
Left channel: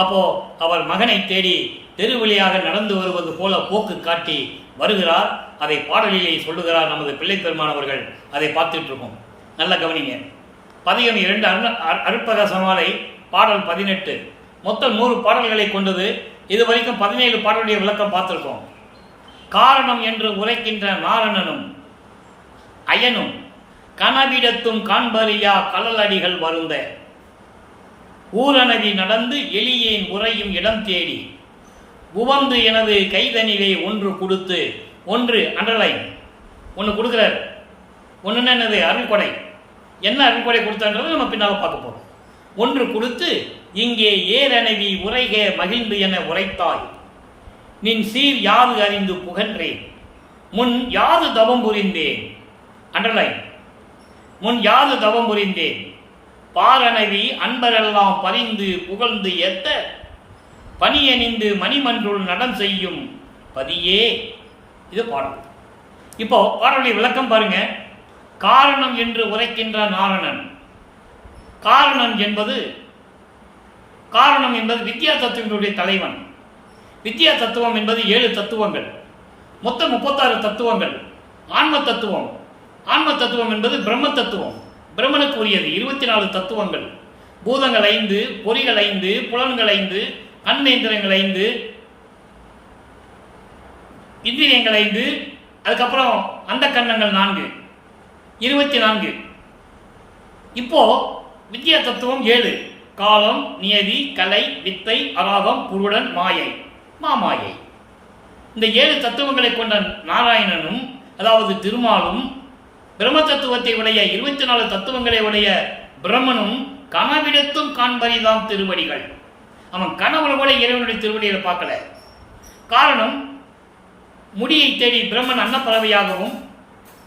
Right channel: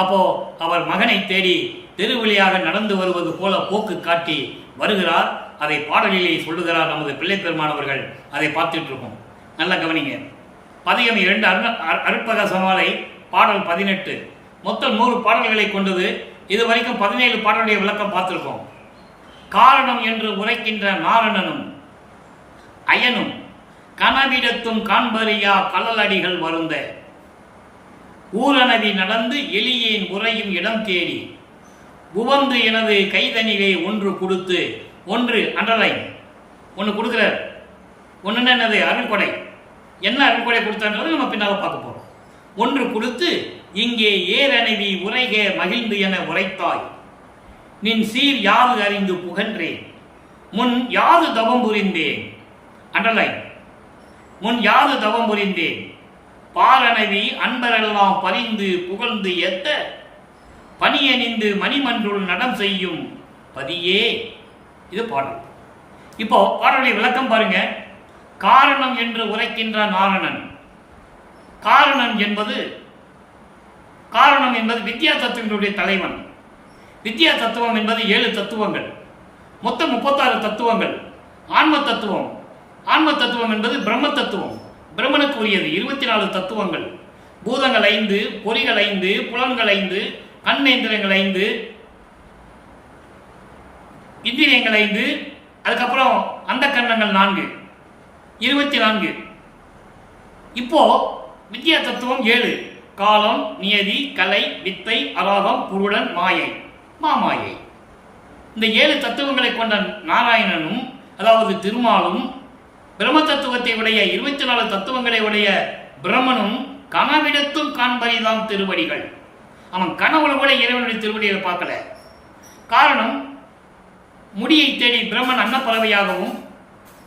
அப்போது அவர் மகனை தேடி தெருவழியாக நடந்து வருவது போல போக்கு காட்டி வருகிறார். அதை பாடலிலே சொல்லுகிறார் நமது பிள்ளை பெருமானவர்கள். அதை பார்த்துட்டு இருக்கோம். நல்லா கவனிங்க. பதிகம் 2 அருட்பிரகாசமாலை பாடல் 18 மொத்தம் 100 பாடல்களை கொண்டது. இதுவரைக்கும் 17 பாடலுடைய விளக்கம் பார்த்துருக்கோம். காரணம் என்று உரைக்கின்ற நாரணனும் அயனும் கனவிடத்தும் காண்பறியா கலலடிகள் வருந்த ஊரனவி நடந்து எளியேன் உறையும் இடம் தேடி உவந்து எனது கைதனிலே ஒன்று கொடுத்து, ஒன்று அண்டர்லைன், ஒன்று கொடுக்குறார். ஒன்றுன்னா என்னது? அருள்கொடை. என்ன அருள்கொடை கொடுத்தான்றதை நம்ம பின்னால் பார்க்க போகிறோம். ஒன்று கொடுத்து இங்கே ஏரனவி உரைக மகிழ்ந்து என உரைத்தாய், நின் சீர் யாது அறிந்து புகன்றேன், முன் யாது தவம் புரிந்தேன். அண்டர்லைன். முன் யாது தவம் புரிந்தேன், பாரனவி அன்பரெல்லாம் பறிந்து புகழ்ந்து ஏத்த பனியணிந்து மணிமன்றுள் நடம் செய்யும் பதியே. இது பாடல். இப்போ பாடலுடைய விளக்கம் பாருங்க. காரணம் என்று உரைக்கின்ற நாரணன். காரணம் என்பது வித்யா தத்துவங்களுடைய தலைவன். வித்யா தத்துவம் என்பது 7 தத்துவங்கள், மொத்தம் 36 தத்துவங்கள். ஆன்ம தத்துவம் என்பது பிரம்ம தத்துவம், பிரம்மனுக்கு உரியது. 24 தத்துவங்கள். பூதங்கள் 5, பொறிகள் 5, புலன்கள் 5, கண்ணேந்திரங்கள் 5, இந்திரியங்கள் 5, அதுக்கப்புறம் அந்த கண்ணங்கள் 4, 24. இப்போ வித்யா தத்துவம் 7: காலம், நியதி, கலை, வித்தை, அராகம், புருடன், மாயை, மாமாயை. இந்த 7 தத்துவங்களை கொண்ட நாராயணனும், அதாவது திருமாலும், பிரம்ம தத்துவத்தை உடைய 24 தத்துவங்களை உடைய பிரம்மனும் கனவிடத்தும் காண்பரிதாம் திருவடிகள். அவன் கனவுல கூட இறைவனுடைய திருவடிகளை பார்க்கல. காரணம், முடியை தேடி பிரம்மன் அன்னப்பறவையாகவும்,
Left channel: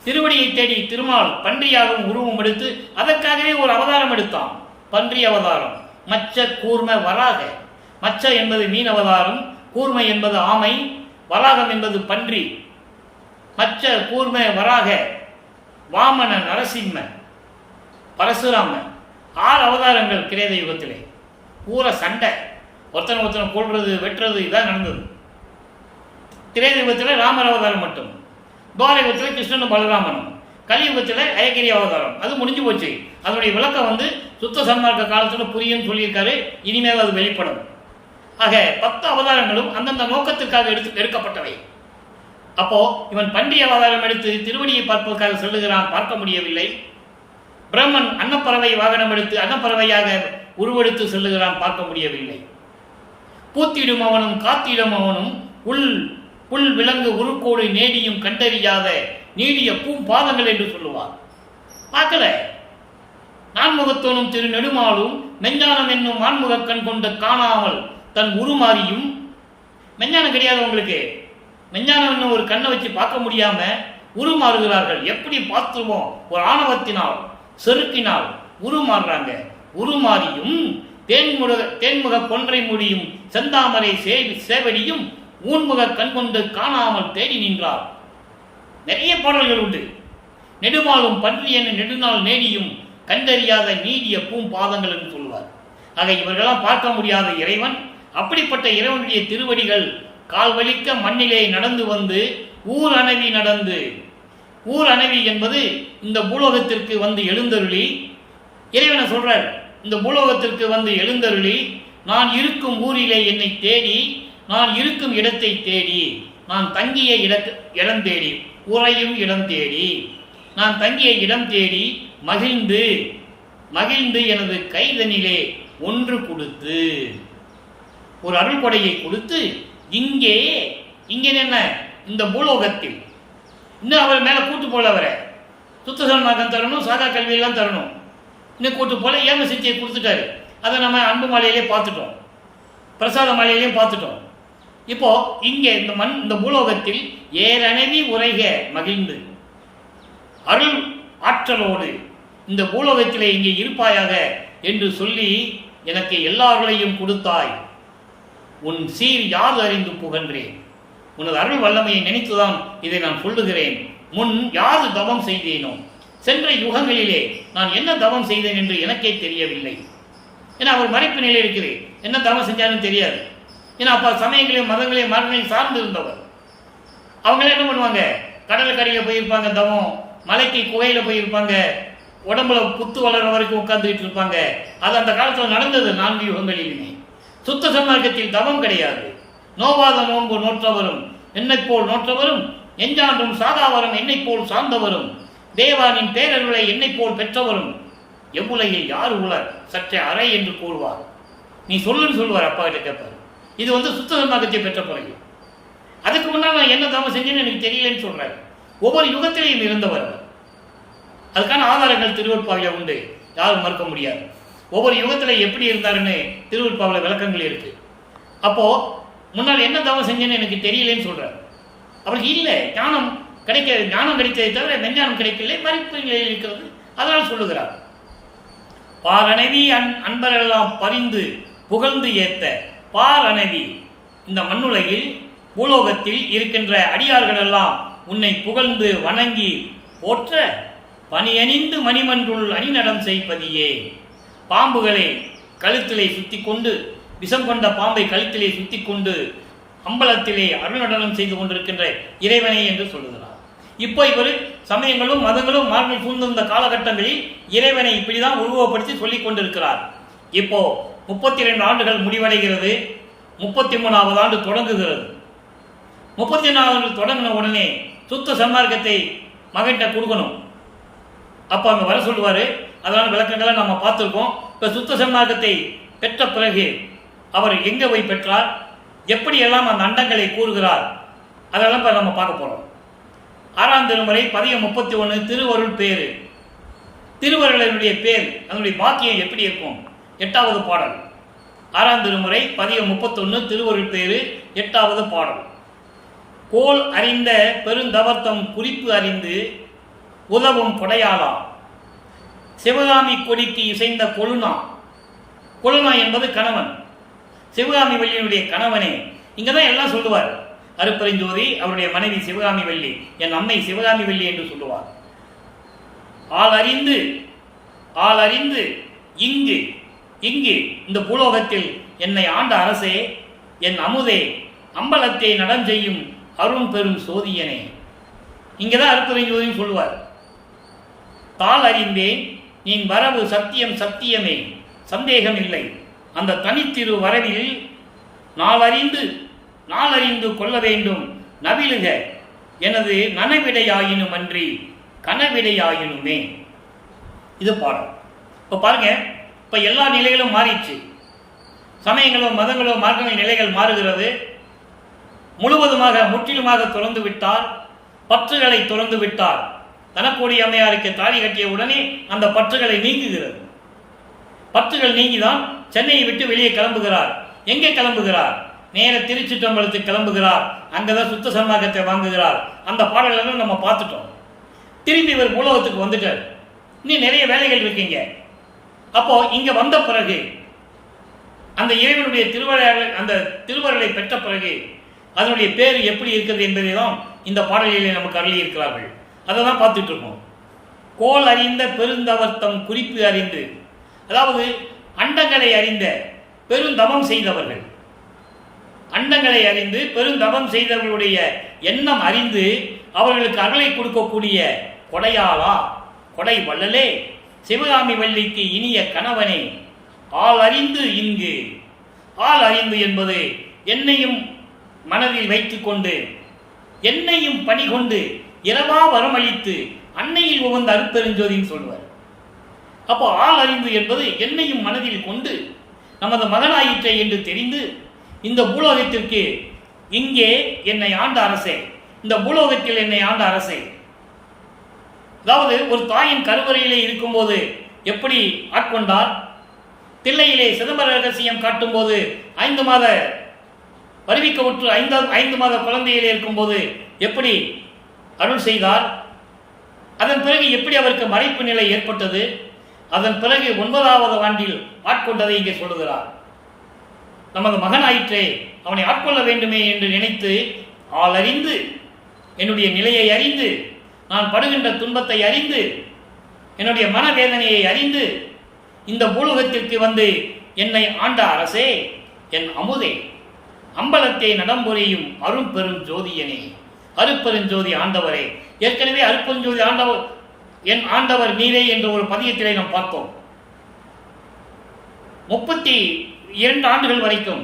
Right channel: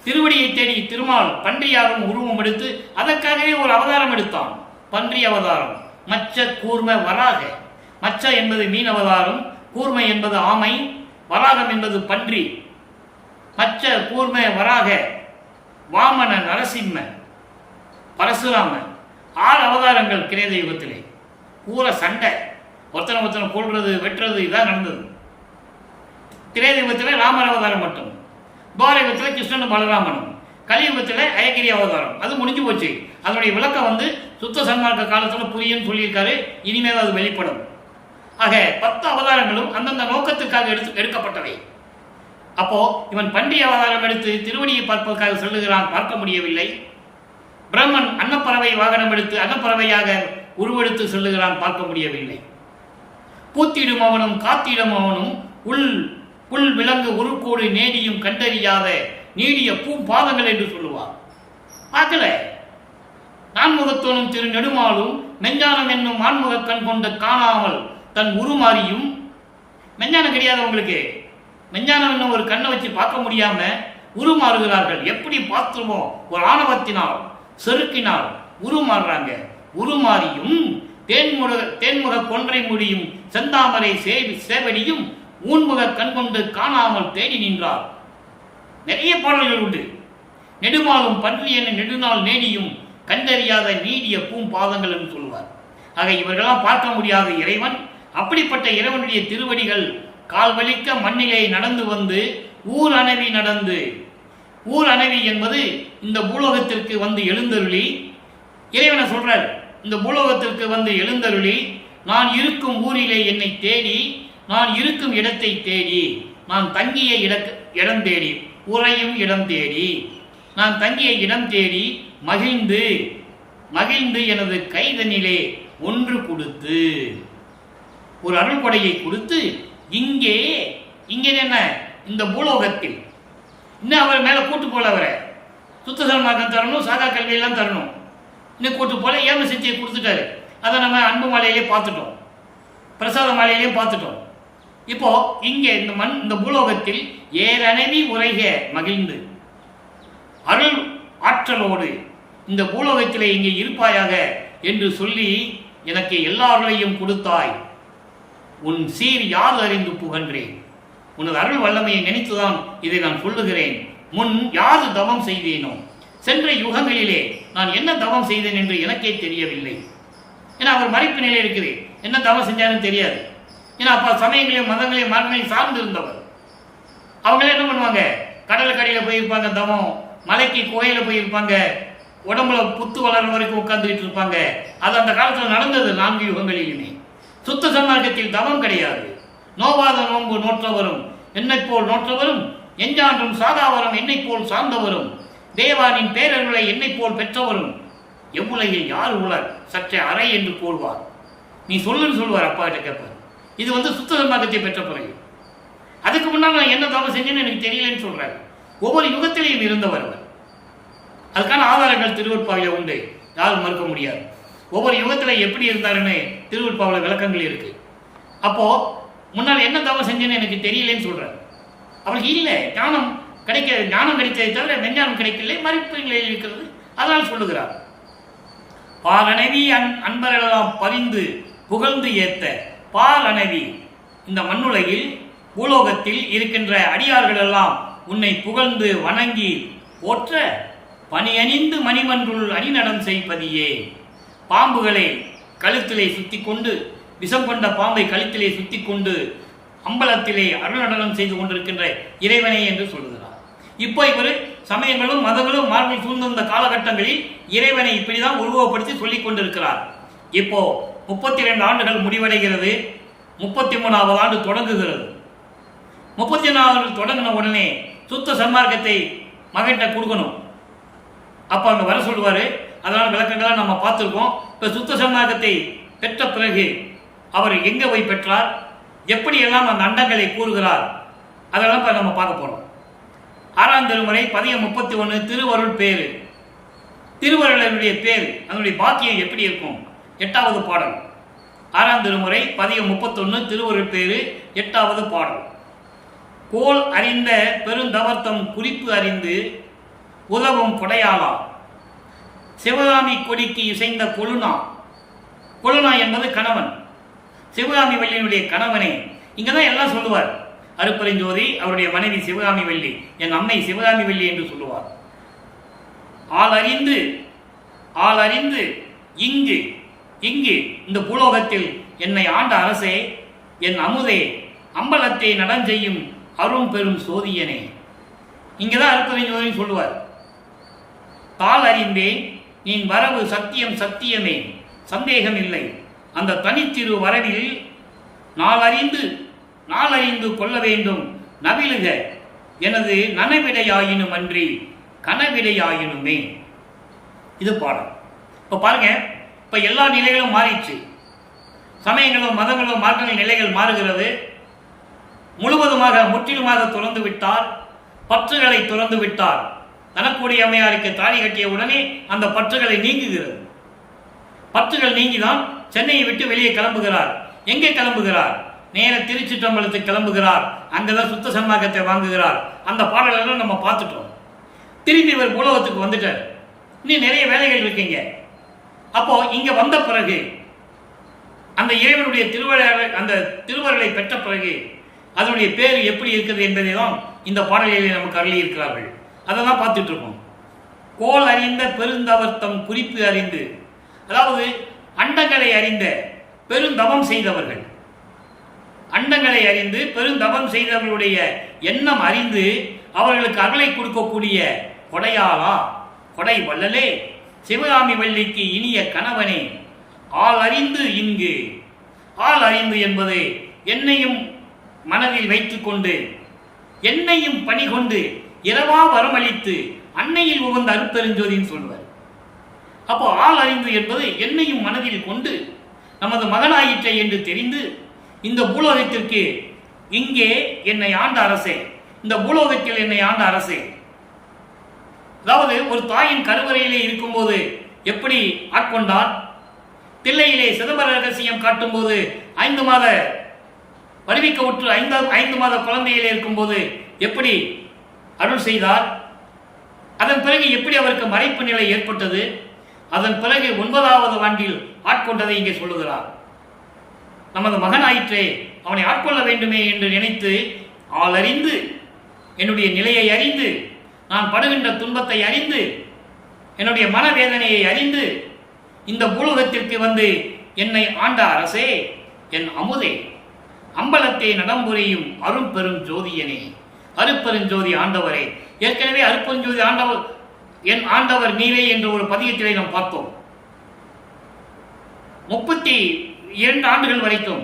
திருவடியை தேடி திருமால் பன்றியாகவும் உருவம் எடுத்து அதற்காகவே ஒரு அவதாரம் எடுத்தான். பன்றி அவதாரம். மச்ச கூர்ம வராக. மச்ச என்பது மீன் அவதாரம், கூர்மை என்பது ஆமை, வராகம் என்பது பன்றி. மச்ச கூர்ம வராக, வாமன, நரசிம்ம, பரசுராம, 6 அவதாரங்கள் கிரேத யுகத்திலே. பூரா சண்டை, ஒருத்தனை கொள்றது, வெட்டுறது, இதான் நடந்தது. கிரேத யுகத்தில் ராமர் அவதாரம் மட்டும், துவார யுகத்தில் கிருஷ்ணனும் பலராமனும், கலியுகத்தில் அயகிரி அவதாரம். அது முடிஞ்சு போச்சு. அதனுடைய விளக்கம் சுத்த சன்மார்க்க காலத்தில் புரியும் சொல்லியிருக்காரு. இனிமேல் அது வெளிப்படும். ஆக 10 அவதாரங்களும் அந்தந்த நோக்கத்திற்காக எடுக்கப்பட்டவை. அப்போ இவன் பன்றி அவதாரம் எடுத்து திருவடியை பார்ப்பதற்காக செல்லுகிறான், பார்க்க முடியவில்லை. பிரம்மன் அன்னப்பறவை வாகனம் எடுத்து அன்னப்பறவையாக உருவெடுத்து செல்லுகிறான், பார்க்க முடியவில்லை. பூத்திடும் அவனும் காத்திடும் அவனும் புல் விலங்கு உருக்கோடு நேடியும் கண்டறியாத நீடிய பாதங்கள் என்று சொல்லுவார். பார்க்கல. நான்முகத்தோனும் திரு நெடுமாலும் மெஞ்ஞானம் என்னும் ஆன்முக கண் கொண்டு காணாமல் தன் உருமாறியும். மெஞ்ஞானம் கிடையாது உங்களுக்கு. மெஞ்ஞானம் என்னும் ஒரு கண்ணை வச்சு பார்க்க முடியாம உருமாறுகிறார்கள். எப்படி பார்த்துருவோம்? ஒரு ஆணவத்தினால், செருக்கினால் உருமாறுறாங்க. உருமாறியும் தேன்முக கொன்றை முடியும் செந்தாமரை சேவடியும் ஊன்முக கண்கொண்டு காணாமல் தேடி நின்றார். நிறைய பாடல்கள் உண்டு. நெடுமாலும் பன்றி என நெடுநாள் நேடியும் கண்டறியாத நீடிய பாதங்கள் என்று சொல்லுவார். ஆக இவர்களெல்லாம் பார்க்க முடியாத இறைவன். அப்படிப்பட்ட இறைவனுடைய திருவடிகள் கால் வலிக்க மண்ணிலே நடந்து வந்து ஊர் அணவி நடந்து. ஊர் அணவி என்பது இந்த பூலோகத்திற்கு வந்து எழுந்தருளி, இறைவனை சொல்றார், இந்த பூலோகத்திற்கு வந்து எழுந்தருளி நான் இருக்கும் ஊரிலே என்னை தேடி, நான் இருக்கும் இடத்தை தேடி, நான் தங்கிய இடம் தேடி, உறையும் இடம் தேடி, நான் தங்கிய இடம் தேடி மகிழ்ந்து எனது கைதனிலே ஒன்று கொடுத்து, ஒரு அருள் கொடையை கொடுத்து, இங்கே என்ன இந்த பூலோகத்தில் இன்னும் அவர் மேலே கூட்டு போல, அவரை சுத்தசன்மார்க்கம் தரணும், சாகா கல்வியெல்லாம் தரணும். இன்னும் கூட்டு போல ஏம சித்தியை கொடுத்துட்டாரு. அதை நம்ம அன்பு மாலையிலே பார்த்துட்டோம், பிரசாத மாலையிலையும் பார்த்துட்டோம். இப்போ இங்கே இந்த பூலோகத்தில் ஏரணவி உரைக மகிழ்ந்து அருள் ஆற்றலோடு இந்த பூலோகத்திலே இங்கே இருப்பாயாக என்று சொல்லி எனக்கு எல்லாரையும் கொடுத்தாய். உன் சீர் யாது அறிந்து புகன்றேன். உனது அருள் வல்லமையை நினைத்துதான் இதை நான் சொல்லுகிறேன். முன் யாது தவம் செய்தேனோ, சென்ற யுகங்களிலே நான் என்ன தவம் செய்தேன் என்று எனக்கே தெரியவில்லை. ஏன்னா அவர் மறைப்பு நிலை இருக்குது, என்ன தவம் செஞ்சாருன்னு தெரியாது. ஏன்னா அப்போ சமயங்களையும் மதங்களையும் மரங்களையும் சார்ந்து இருந்தவர். அவங்களே என்ன பண்ணுவாங்க, கடலுக்கடியில் போயிருப்பாங்க தவம், மலைக்கு கோயிலில் போயிருப்பாங்க, உடம்புல புத்து வளர வரைக்கும் உட்கார்ந்துக்கிட்டு இருப்பாங்க. அது அந்த காலத்தில் நடந்தது 4 யுகங்களிலுமே. சுத்த சன்மார்க்கத்தில் தவம் கிடையாது. நோவாத நோன்பு நோற்றவரும் என்னை போல் நோற்றவரும், எஞ்சான்றும் சாதாவரம் என்னை போல் சார்ந்தவரும், தேவானின் பேரருளை என்னை போல் பெற்றவரும், எவ்வுலையை யார் உலர் சற்றே அறை என்று கூறுவார். நீ சொல்லுன்னு சொல்லுவார். அப்பா கிட்ட கேட்பார். இது சுத்த சன்மார்க்கத்தை பெற்ற பிறகு. அதுக்கு முன்னால் நான் என்ன தவம் செஞ்சேன்னு எனக்கு தெரியலன்னு சொல்றாரு. ஒவ்வொரு யுகத்திலையும் இருந்தவர் அவர். அதுக்கான ஆதாரங்கள் திருவருட்பாவில உண்டு, யாரும் மறுக்க முடியாது. ஒவ்வொரு யுகத்தில் எப்படி இருந்தாருன்னு திருவருட்பாவில விளக்கங்கள் இருக்கு. அப்போ முன்னால் என்ன தவம் செஞ்சேன்னு எனக்கு தெரியலன்னு சொல்றாரு. அவருக்கு இல்லை ஞானம் கிடைத்ததை தவிர மெஞ்ஞானம் கிடைக்கவில்லை, மறுப்பு நிலையில் இருக்கிறது. அதனால் சொல்லுகிறார். பாரணைவி அன்பரெல்லாம் பரிந்து புகழ்ந்து ஏத்த பாலனவி, இந்த மண்ணுலகில் பூலோகத்தில் இருக்கின்ற அடியார்கள் எல்லாம் உன்னை புகழ்ந்து வணங்கி போற்ற பணியணிந்து மணிமன்றுள் அணிநடம் செய்பதியே. பாம்புகளை கழுத்திலே சுத்தி கொண்டு, விஷம் கொண்ட பாம்பை கழுத்திலே சுத்தி கொண்டு அம்பலத்திலே அருள்நடனம் செய்து கொண்டிருக்கின்ற இறைவனை என்று சொல்லுகிறார். இப்போ இவர் சமயங்களும் மதங்களும் மார்பில் சூழ்ந்திருந்த காலகட்டங்களில் இறைவனை இப்படிதான் உருவப்படுத்தி சொல்லிக் கொண்டிருக்கிறார். இப்போ 32 ஆண்டுகள் முடிவடைகிறது, 33வது ஆண்டு தொடங்குகிறது. 34வது ஆண்டு தொடங்கின உடனே சுத்த சன்மார்க்கத்தை மகன்கிட்ட கொடுக்கணும். அப்போ அங்கே வர சொல்லுவார். அதனால விளக்கங்களாக நம்ம பார்த்துருக்கோம். இப்போ சுத்த சன்மார்க்கத்தை பெற்ற பிறகு அவர் எங்கே போய் பெற்றார், எப்படியெல்லாம் அந்த அண்டங்களை கூறுகிறார், அதெல்லாம் இப்போ நம்ம பார்க்க போகிறோம். 6ஆம் திருமுறை பதிகம் 31 திருவருள் பேரு. திருவருளனுடைய பேர், அதனுடைய பாக்கியம் எப்படி இருக்கும்? 8வது பாடல். 6ஆம் திருமுறை பதிகம் 31 திருவருள் பேரு 8வது பாடல். கோல் அறிந்த பெருந்தவர்த்தம் குறிப்பு அறிந்து உதவும் கொடையாளா, சிவகாமி கொடிக்கு இசைந்த கொழுனா. கொழுனா என்பது கணவன், சிவகாமி வள்ளியினுடைய கணவனே. இங்கே தான் எல்லாம் சொல்லுவார். அருப்பெருஞ்சோதி அவருடைய மனைவி சிவகாமி வள்ளி, என் அம்மை சிவகாமி வள்ளி என்று சொல்லுவார். ஆள் அறிந்து இங்கு இங்கு இந்த பூலோகத்தில் என்னை ஆண்ட அரசே, என் அமுதே, அம்பலத்தை நடஞ்செய்யும் அரும் பெரும் சோதியனே. இங்கே தான் அருப்பெருஞ்சோதின்னு சொல்லுவார். தாள் அறிந்தேன் நீ வரவு சத்தியம் சத்தியமே, சந்தேகம் இல்லை. அந்த தனித்திரு வரவில் நாளறிந்து கொள்ள வேண்டும் நவிலுக, எனது நனவிடையாயினும் அன்றி கனவிடையாயினுமே. இது பாடல். இப்போ பாருங்க, இப்போ எல்லா நிலைகளும் மாறிடுச்சு. சமயங்களோ மதங்களோ மார்க்கங்கள் நிலைகள் மாறுகிறது. முழுவதுமாக முற்றிலுமாக துறந்து விட்டார், பற்றுகளை துறந்து விட்டார். தனக்கூடிய அம்மையாருக்கு தாலி கட்டிய உடனே அந்த பற்றுகளை நீங்குகிறது. பற்றுகள் நீங்கிதான் சென்னையை விட்டு வெளியே கிளம்புகிறார். எங்கே கிளம்புகிறார்? நேர திருச்சிற்றம்பலத்துக்கு கிளம்புகிறார். அங்கதான் சுத்த சன்மார்க்கத்தை வாங்குகிறார். அந்த பாடல்கள் நம்ம பார்த்துட்டோம். திரும்பி இவர் பூலோகத்துக்கு வந்துட்டார். இன்னும் நிறைய வேலைகள் இருக்கீங்க. அப்போ இங்க வந்த பிறகு அந்த இறைவனுடைய அந்த திருவருளை பெற்ற பிறகு அதனுடைய பேர் எப்படி இருக்கிறது என்பதை தான் இந்த பாடலிலே நமக்கு அருளி இருக்கிறார்கள். அதை தான் பார்த்துட்டு இருக்கோம். கோல் அறிந்த பெருந்தவர்த்தம் குறிப்பு அறிந்து, அதாவது அண்டங்களை அறிந்த பெருந்தவம் செய்தவர்கள், அண்டங்களை அறிந்து பெருந்தவம் செய்தவர்களுடைய எண்ணம் அறிந்து அவர்களுக்கு அருளை கொடுக்கக்கூடிய கொடையாளா, கொடை வள்ளலே, சிவகாமி வள்ளிக்கு இனிய கணவனே. ஆள் அறிந்து இங்கு, ஆள் அறிந்து என்பது என்னையும் மனதில் வைத்துக்கொண்டு என்னையும் பணி கொண்டு இரவா வரமளித்து அன்னையில் உகந்த அருப்பெருஞ்சோதின்னு சொல்லுவார். அப்போ ஆள் அறிந்து என்பது என்னையும் மனதில் கொண்டு நமது மகனாயிற்றை என்று தெரிந்து இந்த பூலோகத்திற்கு இங்கே என்னை ஆண்ட அரசே, இந்த பூலோகத்தில் என்னை ஆண்ட அரசே. அதாவது ஒரு தாயின் கருவறையிலே இருக்கும்போது எப்படி ஆட்கொண்டார், தில்லையிலே சிதம்பர ரகசியம் காட்டும் போது 5 மாத வருவிக்க உற்று 5 மாத குழந்தையிலே இருக்கும்போது எப்படி அருள் செய்தார், அதன் பிறகு எப்படி அவருக்கு மறைப்பு நிலை ஏற்பட்டது, அதன் பிறகு 9வது ஆண்டில் ஆட்கொண்டதை இங்கே சொல்லுகிறார். நமது மகனாயிற்றே, அவனை ஆட்கொள்ள வேண்டுமே என்று நினைத்து ஆளறிந்து என்னுடைய நிலையை அறிந்து, நான் படுகின்ற துன்பத்தை அறிந்து, என்னுடைய மனவேதனையை அறிந்து இந்த பூலோகத்திற்கு வந்து என்னை ஆண்ட அரசே, என் அமுதே, அம்பலத்தை நடம்புரியும் அரும் பெரும் ஜோதியனே, அருப்பெருஞ்சோதி ஆண்டவரே. ஏற்கனவே அருப்பெருஞ்சோதி ஆண்டவர் என் ஆண்டவர் நீரே என்ற ஒரு பதியத்திலே நாம் பார்த்தோம். 32 ஆண்டுகள் வரைக்கும்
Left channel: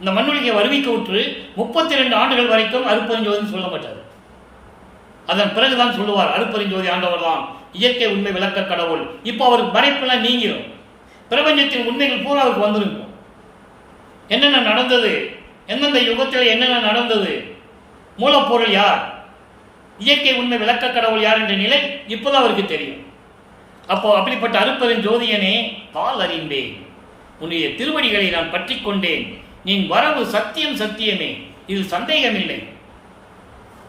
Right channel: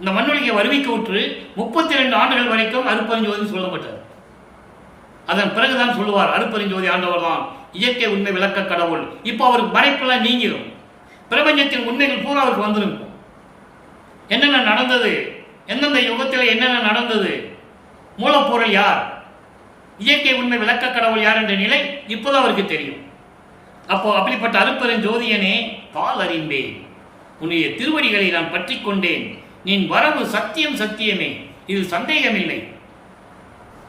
இந்த மண்ணுலகை வருவிக்க உற்று 32 ஆண்டுகள் வரைக்கும் அருப்பெருஞ்சோதி சொல்லப்பட்டார். அதன் பிறகுதான் சொல்லுவார் அருப்பெருஞ்சோதி ஆண்டவர் தான் இயற்கை உண்மை விளக்க கடவுள். இப்போ அவருக்கு மறைப்பெல்லாம் நீங்கிடும். பிரபஞ்சத்தின் உண்மைகள் பூரா அவருக்கு வந்துருக்கும். என்னென்ன நடந்தது, எந்தெந்த யுகத்தில் என்னென்ன நடந்தது, மூலப்பொருள் யார், இயற்கை உண்மை விளக்க கடவுள் யார் என்ற நிலை இப்போதான் அவருக்கு தெரியும். அப்போ அப்படிப்பட்ட அருப்பெருஞ்சோதியனே, தாள் அறிந்தேன், உன்னுடைய திருவடிகளை நான் பற்றி கொண்டேன். நீ வரவு சத்தியம் சத்தியமே, இது சந்தேகமில்லை.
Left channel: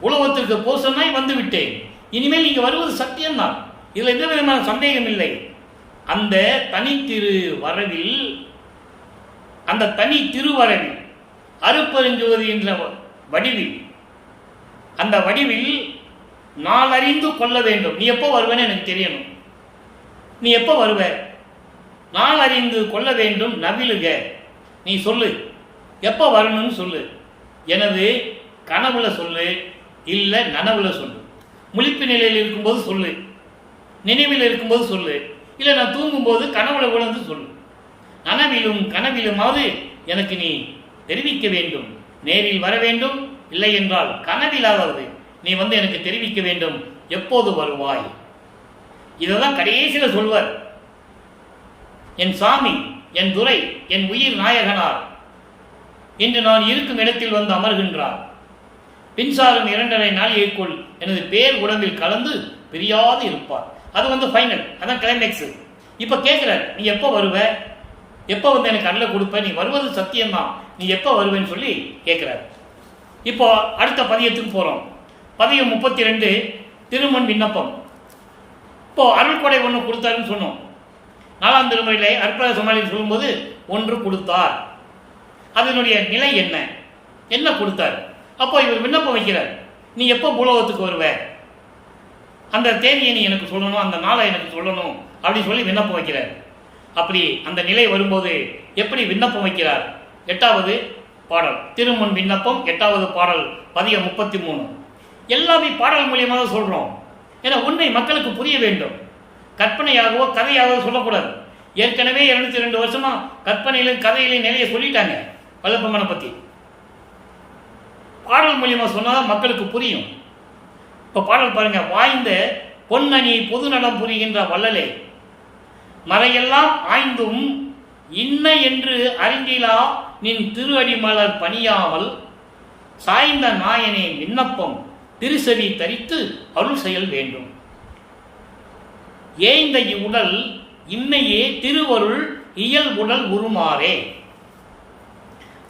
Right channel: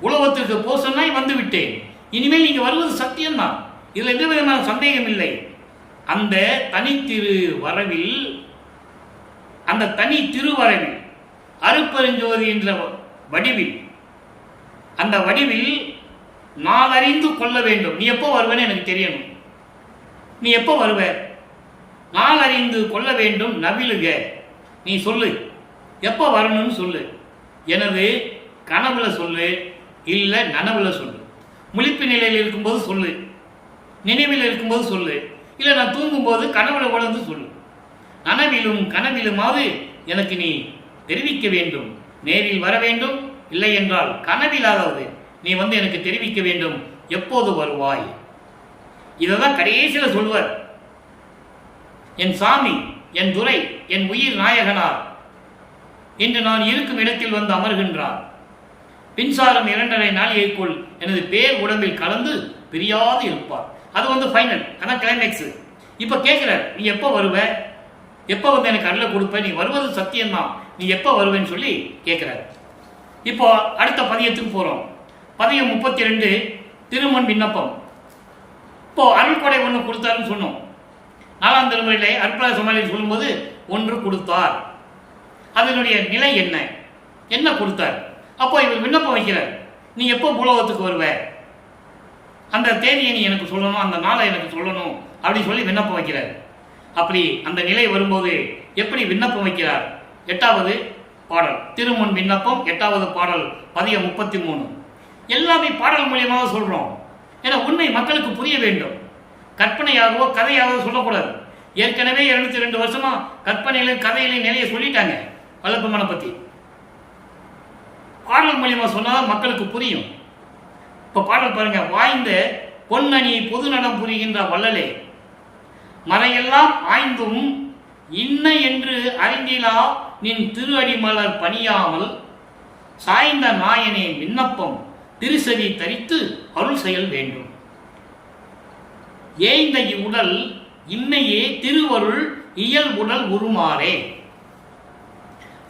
உலகத்திற்கு போ சொன்னாய் வந்து விட்டேன். இனிமேல் நீங்க வருவது சத்தியம்தான், இதில் எந்த விதமான சந்தேகம் இல்லை. அந்த தனித்திரு வரவில் அந்த தனி திருவரவில் அருப்பெருஞ்சோதி என்ற வடிவில், அந்த வடிவில் நாளறிந்து கொள்ள வேண்டும். நீ எப்போ வருவேன்னு எனக்கு தெரியணும். நீ எப்போ வருவ? நாளறிந்து கொள்ள வேண்டும். நவிலுக, நீ சொல்லு, எப்போ வரணும்னு சொல்லு. எனது கனவுல சொல்லு, இல்லை நனவுல சொல்லு. முழிப்பு நிலையில் இருக்கும்போது சொல்லு, நினைவில் இருக்கும்போது சொல்லு, இல்லை நான் தூங்கும்போது கனவுல உணர்ந்து சொல்லு. நனவிலும் கனவிலுமாவது எனக்கு நீ தெரிவிக்க வேண்டும். நேரில் வர வேண்டும், இல்லை என்றால் கனவிலாவது நீ எனக்கு தெரிவிக்க வேண்டும். எப்போது வருவாய்? இதை தான் கடைசியில் சொல்வார். என் சாமி, என் துரை, என் உயிர் நாயகனார் இன்று நான் இருக்கும் இடத்தில் வந்து அமர்கின்றார். பின்சாரம் 2.5 நாளிகைக்குள் எனது பேர் உடம்பில் கலந்து பிரியாது இருப்பார். அது ஃபைனல், அதான் கிளைமேக்ஸ். இப்போ கேட்குறார், நீ எப்போ வருவ? எப்போ எனக்கு அருளை கொடுப்ப? நீ வருவது சத்தியம்தான், நீ எப்போ வருவேன்னு சொல்லி கேட்குறாரு. இப்போ அடுத்த பதியத்துக்கு போகிறோம். பதியம் 32, திருமண் விண்ணப்பம். இப்போ அருள் கொடை ஒன்று கொடுத்தாருன்னு சொன்னோம். 4ஆம் திருமுறையிலே அற்புத சமாளியில் சொல்லும்போது 1 கொடுத்தார். அதனுடைய நிலை என்ன, என்ன கொடுத்தார்? அப்போ இவர் விண்ணப்பம் வைக்கிறார், நீ எப்போ பூலோகத்துக்கு வருவ? அந்த தேதியை நீ எனக்கு சொல்லணும், அந்த நாளை எனக்கு சொல்லணும் அப்படின்னு சொல்லி விண்ணப்பம் வைக்கிறார். அப்படி அந்த நிலை வரும்போது எப்படி விண்ணப்பம் வைக்கிறார்? 8வது பாடல், திருமுன் விண்ணப்பம் 8வது பாடல், பதியம் 33. எல்லாமே பாடல் மூலியமாக சொல்கிறோம். ஏன்னா உண்மை மக்களுக்கு புரிய வேண்டும். கற்பனையாகவோ கதையாகவோ சொல்லக்கூடாது. ஏற்கனவே 202 வருஷமா கற்பனையிலும் கதையிலும் நிலையை சொல்லிட்டாங்க வல்லப்பெருமானை பற்றி. பாடல் மூலியமாக சொன்னால் மக்களுக்கு புரியும். இப்போ பாடல் பாருங்க. வாய்ந்த பொன்னணி பொது நடம் புரிகின்ற வள்ளலே, மறையெல்லாம் ஆய்ந்தும் இன்ன என்று அறிந்திலா நின் திரு அடிமலர் பணியாமல் சாய்ந்த நாயனே விண்ணப்பம் திருசெவி தரித்து அருள் செயல் வேண்டும். ஏய்ந்த இவ்வுடல் இம்மையே திருவருள் இயல் உடல் உருமாறே.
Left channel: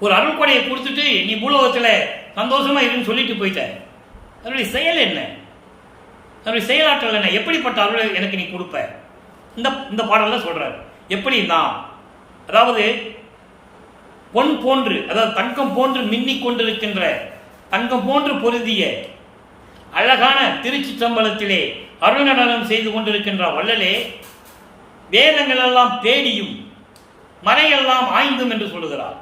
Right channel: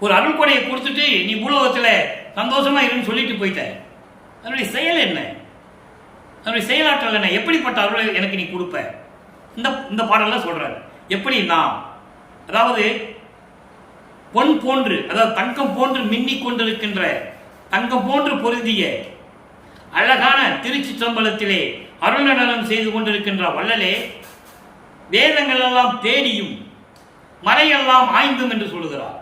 ஒரு அருள் கொடையை கொடுத்துட்டு நீ பூலோகத்தில் சந்தோஷமா இருன்னு சொல்லிட்டு போயிட்ட. அதனுடைய செயல் என்ன? அதனுடைய செயலாற்றல் என்ன? எப்படிப்பட்ட அருளை எனக்கு நீ கொடுப்ப? இந்த பாடல்ல சொல்றாரு. எப்படின்னா, அதாவது பொன் போன்று, அதாவது தங்கம் போன்று மின்னிக் கொண்டிருக்கின்ற, தங்கம் போன்று பொருந்திய அழகான திருச்சி சம்பளத்திலே அருள் நடனம் செய்து கொண்டிருக்கின்ற வள்ளலே, வேதங்கள் எல்லாம் தேடியும் மறையெல்லாம் ஆய்ந்தும் என்று சொல்லுகிறார்.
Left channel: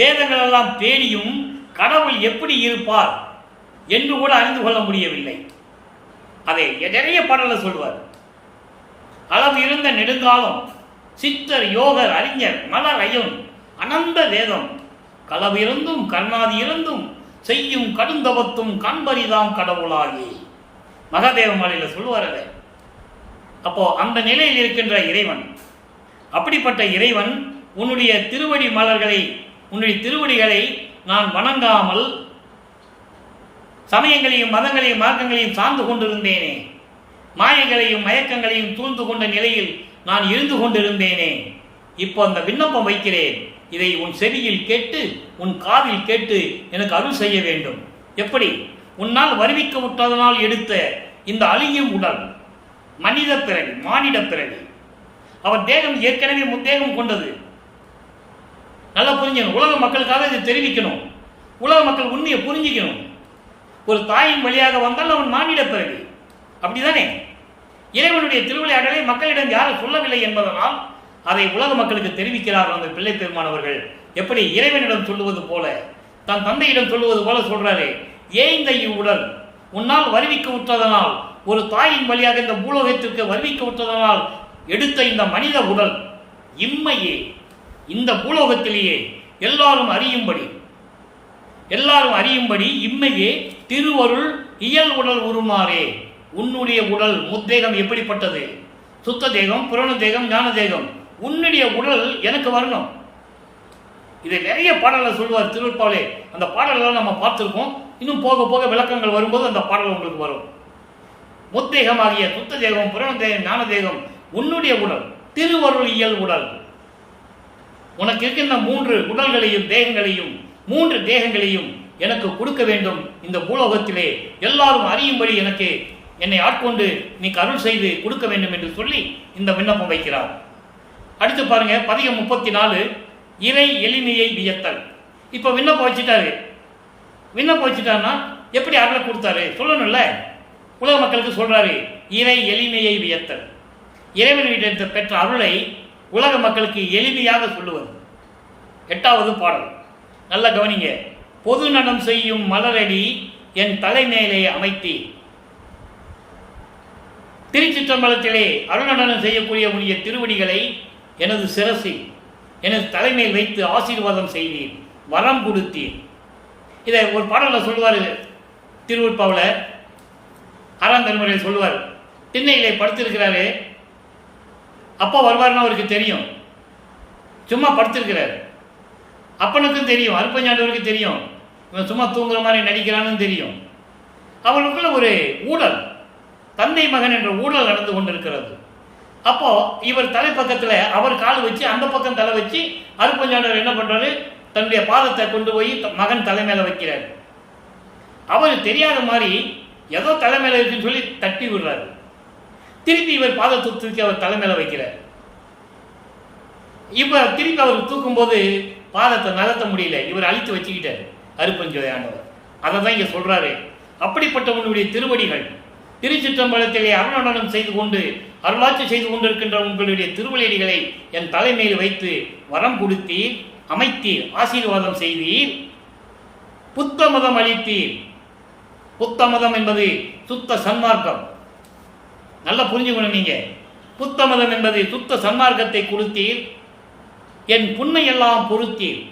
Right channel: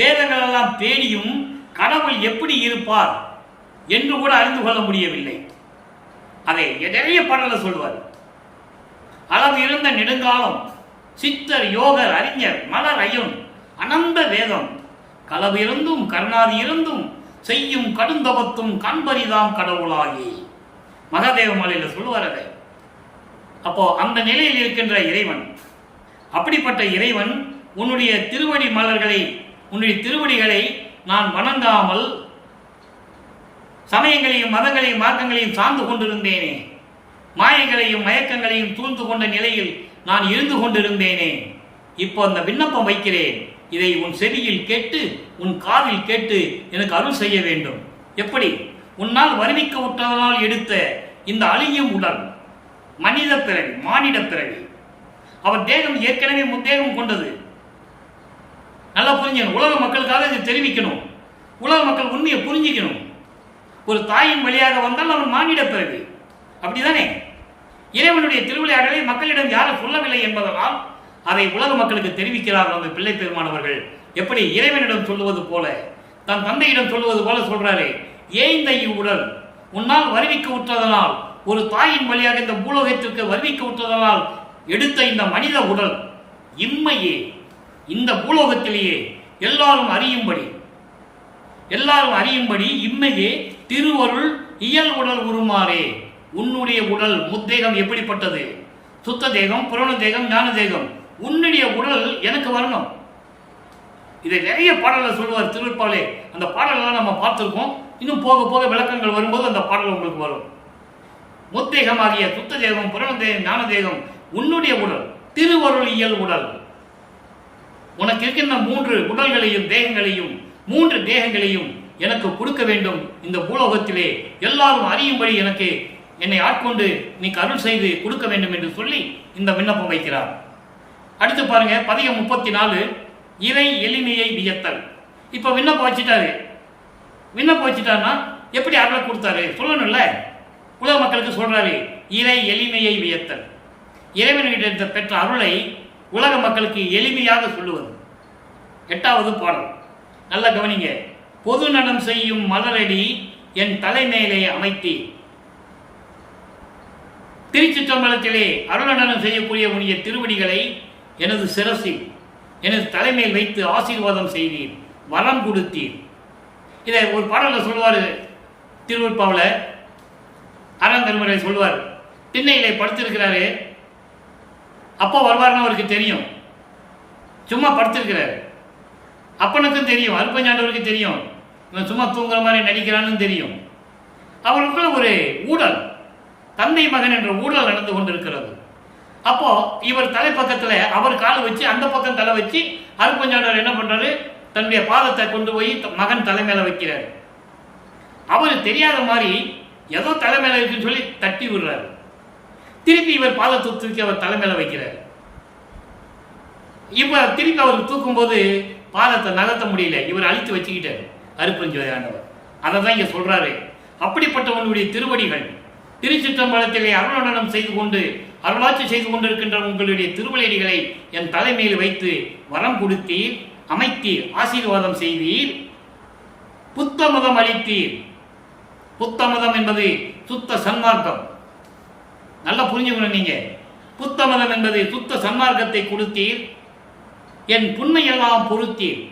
வேதங்கள் எல்லாம் தேடியும் கடவுள் எப்படி இருப்பார் என்று கூட அறிந்து கொள்ள முடியவில்லை. அதை நிறைய பாடல சொல்வார். அளவு இருந்த நெடுங்காலம் சித்தர் யோகர் அறிஞர் மலர் ஐயன் அனந்த வேதம் களவு இருந்தும் கருணாதி இருந்தும் செய்யும் கடுந்தபத்தும் காண்பரிதாம் கடவுளாகி மகாதேவ மாலையில் சொல்லுவார். அதை அப்போ அந்த நிலையில் இருக்கின்ற இறைவன், அப்படிப்பட்ட இறைவன் உன்னுடைய திருவடி மலர்களை, உன்னுடைய திருவடிகளை நான் வணங்காமல் சமயங்களையும் மதங்களையும் மார்க்கங்களையும் சார்ந்து கொண்டிருந்தேனே, மாயைகளையும் மயக்கங்களையும் சூழ்ந்து கொண்ட நிலையில் நான் இருந்து கொண்டிருந்தேனே. இப்போ அந்த விண்ணப்பம் வைக்கிறேன், இதை உன் செவியில் கேட்டு உன் காதில் கேட்டு எனக்கு அருள் செய்ய வேண்டும். எப்படி? உன்னால் வருவிக்க விட்டதனால் எடுத்த இந்த அழியும் உடல் மனித பிறவி, மானிட பிறவி. அவர் தேகம் ஏற்கனவே முத்தேகம் கொண்டது. நல்லா புரிஞ்சுக்கணும். உலக மக்களுக்காக இதை தெரிவிக்கணும். உலக மக்கள் உண்மையை புரிஞ்சுக்கணும். ஒரு தாயின் வழியாக வந்தால் அவன் மானிட பிறவி, அப்படிதானே? இறைவனுடைய திருவிளையாடலை மக்களிடம் யாரும் சொல்லவில்லை என்பதனால் அதை உலக மக்களுக்கு தெரிவிக்கிறார்கள் அந்த பிள்ளை பெருமானவர்கள். எப்படி இறைவனிடம் சொல்லுவது போல, தன் தந்தையிடம் சொல்லுவது போல சொல்றாரு. ஏய்ந்த இவ்வுடல் உன்னால் வருவிக்க விட்டதனால், ஒரு தாயின் வழியாக இந்த பூலோகத்திற்கு வருவிக்க விட்டதனால் எடுத்த இந்த மனித உடல் இம்மையே, இந்த பூலோகத்திலேயே எல்லாரும் அறியும்படி இம்மையே திருவருள் இயல் உடல் உருமாறே. உன்னுடைய உடல் முத்தேகம் எப்படிப்பட்டது? சுத்த தேகம், புரண தேகம், ஞான தேகம். உன்னுடைய உடல் எனக்கு வரணும். இதை நிறைய பாடலை சொல்லுவார் திருப்பாலே. அந்த பாடலெல்லாம் நம்ம பார்த்துருக்கோம். இன்னும் போக போக விளக்கங்கள் வரும்போது அந்த பாடல் உங்களுக்கு வரும். முத்தேகமாகிய சுத்த தேகம், புரண தேகம், ஞான தேகம் உன்னுடைய உடல் திருவருள் இயல் உடல். உனக்கு இருக்கின்ற 3 உடல்களையும் தேகங்களையும் 3 தேகங்களையும் எனக்கு கொடுக்க வேண்டும். இந்த பூலோகத்திலே எல்லாரும் அறியும்படி எனக்கு என்னை ஆட்கொண்டு நீ அருள் செய்து கொடுக்க வேண்டும் என்று சொல்லி இந்த விண்ணப்பம் வைக்கிறார். அடுத்து பாருங்க, பதிகம் 34, இறை எளிமையை வியத்தல். இப்போ விண்ணப்பம் வச்சுட்டாரு. விண்ணப்பம் வச்சுட்டாருன்னா எப்படி அருளை கொடுத்தாரு சொல்லணும்ல. உலக மக்களுக்கு சொல்றாரு இறை எளிமையை வியத்தல். இறைவனிடத்தை பெற்ற அருளை உலக மக்களுக்கு எளிமையாக சொல்லுவது. 8வது பாடல் நல்ல கவனிங்க. பொது நடம் செய்யும் மலரடி என் தலைமையிலே அமைத்தி. திருச்சிற்றம்பலத்திலே அருள்நடனம் செய்யக்கூடிய உடைய திருவடிகளை எனது சிரசில் எனது தலைமையில் வைத்து ஆசீர்வாதம் செய்தீர், வரம் கொடுத்தீர். இதை ஒரு பாடலில் சொல்லுவார். திருவருட்பாவில் 6ஆம் திருமுறையில் சொல்லுவார். திண்ணையிலே படுத்திருக்கிறாரு. அப்பா வருவார்னு அவருக்கு தெரியும். சும்மா படுத்திருக்கிறார். அப்பனுக்கும் தெரியும், அருப்பஞ்சாண்டவருக்கு தெரியும், இவன் சும்மா தூங்குற மாதிரி நடிக்கிறான்னு தெரியும். அவர்களுக்குள்ள ஒரு ஊழல், தந்தை மகன் என்ற ஊழல் நடந்து கொண்டிருக்கிறது. அப்போ இவர் தலைப்பக்கத்தில் அவர் கால் வச்சு அந்த பக்கம் தலை வச்சு அருப்பஞ்சாண்டவர் என்ன பண்றாரு, தன்னுடைய பாதத்தை கொண்டு போய் மகன் தலைமையில வைக்கிறார். அவர் தெரியாத மாதிரி ஏதோ தலைமையில இருக்குன்னு சொல்லி தட்டி விடுறாரு. திருப்பி இவர் பாதத்தை தூக்கி அவர் தலைமையில வைக்கிறார். இப்ப திருப்பி அவர் தூக்கும் போது பாதத்தை நகர்த்த முடியல, இவர் அழித்து வச்சுக்கிட்டார் அருப்பஞ்சோதி ஆண்டவர். அதை தான் இங்க சொல்றாரு. அப்படிப்பட்டவனுடைய திருவடிகள் திருச்சிற்றம்பலத்திலே அருள்நடனம் செய்து கொண்டு அருளாட்சி செய்து கொண்டிருக்கின்ற உங்களுடைய திருவடிகளை என் தலைமையில் வைத்து வரம் கொடுத்தீர், அமைத்தீர், ஆசீர்வாதம் செய்தீர், புத்தமதம் அளித்தீர். புத்தமதம் என்பது சுத்த சன்மார்க்கம். நல்லா புரிஞ்சுக்கணும் நீங்க. புத்தமதம் என்பது சுத்த சன்மார்க்கத்தை கொடுத்தீர், என் புண்மையெல்லாம் பொறுத்தீர்,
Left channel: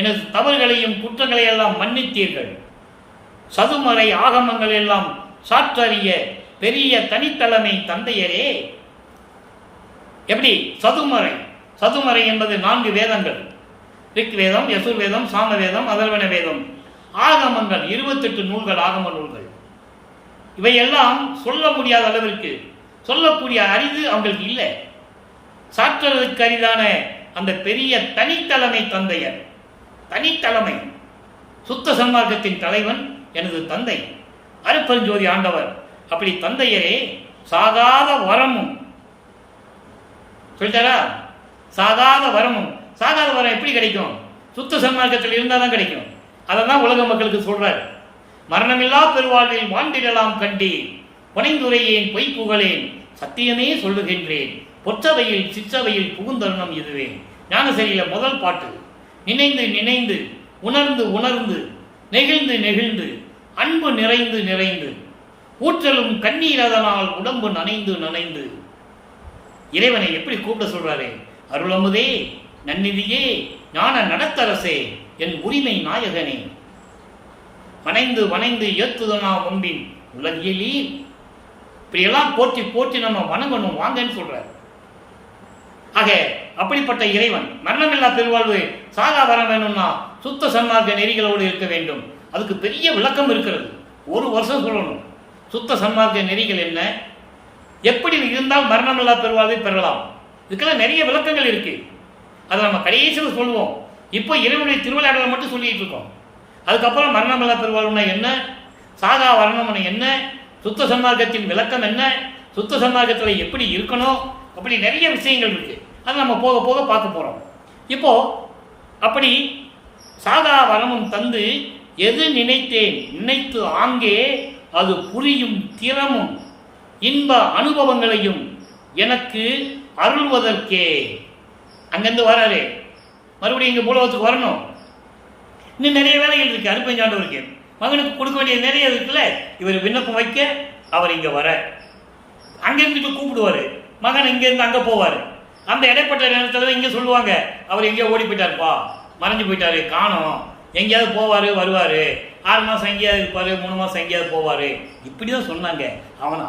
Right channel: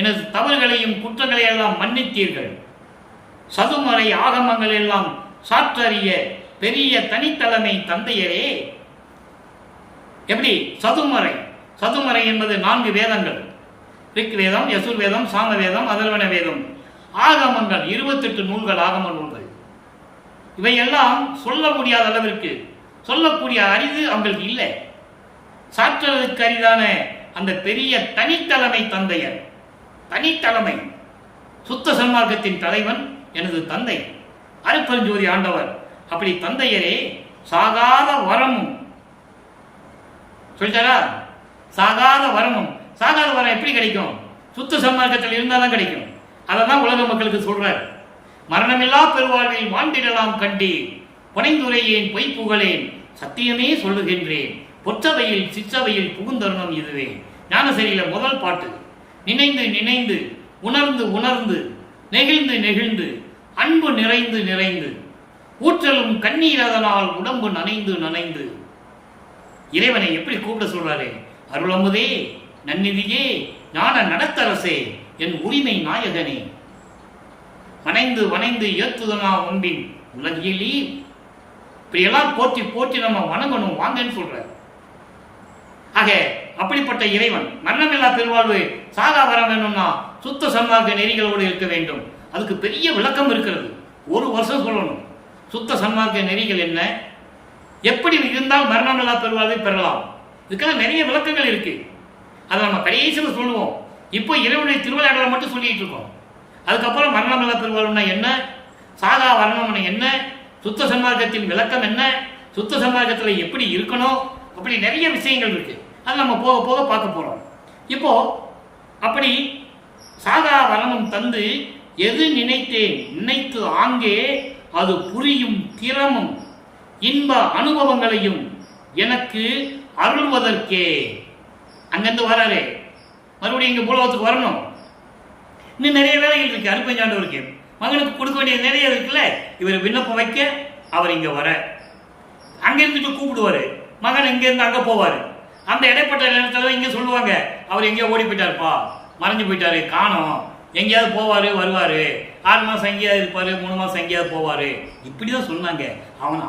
எனது தவறுகளையும் குற்றங்களையெல்லாம் மன்னித்தீர்கள், சதுமறை ஆகமங்கள் எல்லாம் சாற்றறிய பெரிய தனித்தலைமை தந்தையரே. எப்படி சதுமறை? சதுமறை என்பது 4 வேதங்கள். ரிக் வேதம், யசுர் வேதம், சாம வேதம், அதர்வன வேதம். ஆகமங்கள் 28 நூல்கள், ஆகம நூல்கள். இவையெல்லாம் சொல்ல முடியாத அளவிற்கு சொல்லக்கூடிய அரிது அவங்களுக்கு இல்லை. சாற்றுவதற்கு அரிதான அந்த பெரிய தனித்தலைமை தந்தையர். தனித்தலைமை சுத்த சன்மார்க்கத்தின் தலைவன் எனது தந்தை அருப்பெருஞ்சோதி ஆண்டவர். அப்படி தந்தையரே சாகாத வரமும் சொல்லிட்டாரா? சாகாத வரமும். சாகாத வரம் எப்படி கிடைக்கும்? சுத்த சன்மார்க்கத்தில் இருந்தால் தான் கிடைக்கும். அதை தான் உலக மக்களுக்கு சொல்றார். மரணமில்லா பெருவாழ்வில் வாழ்ந்திடலாம் கண்டேன், புனைந்துரையேன் பொய் புகழேன், சத்தியமே சொல்லுகின்றேன், பொற்றவையில் சிற்றவையில் புகுந்தருணம் இதுவே. ஞானசரியில முதல் பாட்டு. நினைந்து நினைந்து உணர்ந்து உணர்ந்து நெகிழ்ந்து நெகிழ்ந்து அன்பு நிறைந்து நிறைந்து ஊற்றலும் கண்ணீர் அதனால் உடம்பு நனைந்து நனைந்து. இறைவனை எப்படி கூப்பிட சொல்றாரு? அருளமுதே, நன்னிதியே, ஞான நடத்தரசே, என் உரிமை நாயகனே, வனைந்து வனைந்து ஏத்துதனா ஒம்பின் உலகியலீ. இப்படியெல்லாம் போற்றி போற்றி நம்ம வணங்கணும் வாங்கன்னு சொல்றாரு. ஆக அப்படிப்பட்ட இறைவன் மரணமில்லா பெருவாழ்வு சாகா வர வேணும்னா சுத்த சன்மார்க்க நெறிகளோடு இருக்க வேண்டும். அதுக்கு பெரிய விளக்கம் இருக்கிறது. 1 வருஷம் சொல்லணும். சுத்த சன்மார்க்க நெறிகள் என்ன, எப்படி இருந்தால் மரணமில்லா பெருவாழ்வை பெறலாம், இதுக்கெல்லாம் நிறைய விளக்கங்கள் இருக்கு. அதை நம்ம கடைசியில் சொல்லுவோம். இப்போ இறைவனுடைய திருவிளையாடலை மட்டும் சொல்லிட்டு இருக்கோம். அதுக்கப்புறம் மரணமில்லா பெருவாழ்வுனா என்ன, சாகா வரணும்னு என்ன, சுத்த சன்மார்க்கத்தின் விளக்கம் என்ன, சுத்த சன்மார்க்கத்தில் எப்படி இருக்கணும், அப்படி நிறைய விஷயங்கள் இருக்கு. அதை நம்ம போக போக பார்க்க போறோம். இப்போ அப்படி சாகா வரமும் தந்து எது நினைத்தேன் நினைத்து ஆங்கே அது புரியும் திறமும் இன்ப அனுபவங்களையும் எனக்கு அருள்வதற்கே. அங்கிருந்து வராரு, மறுபடியும் இங்க பூலோகத்துக்கு வரணும். இன்னும் நிறைய வேலைகள் இருக்கு. அருப்பஞ்சாண்டவருக்கு மகனுக்கு கொடுக்க வேண்டியது நிறைய இருக்குல்ல. இவர் விண்ணப்பம் வைக்க அவர் இங்க வர, அங்கிருந்துட்டு கூப்பிடுவாரு, மகன் இங்கிருந்து அங்க போவாரு. அந்த இடைப்பட்ட நேரத்தில் இங்க சொல்லுவாங்க அவர் எங்கேயோ ஓடி போயிட்டாருப்பா, மறைஞ்சு போயிட்டாரு, காணோம், எங்கேயாவது போவாரு வருவாரு, 6 மாசம் எங்கேயாவது இருப்பாரு, 3 மாசம் எங்கேயாவது போவாரு, இப்படிதான் சொன்னாங்க.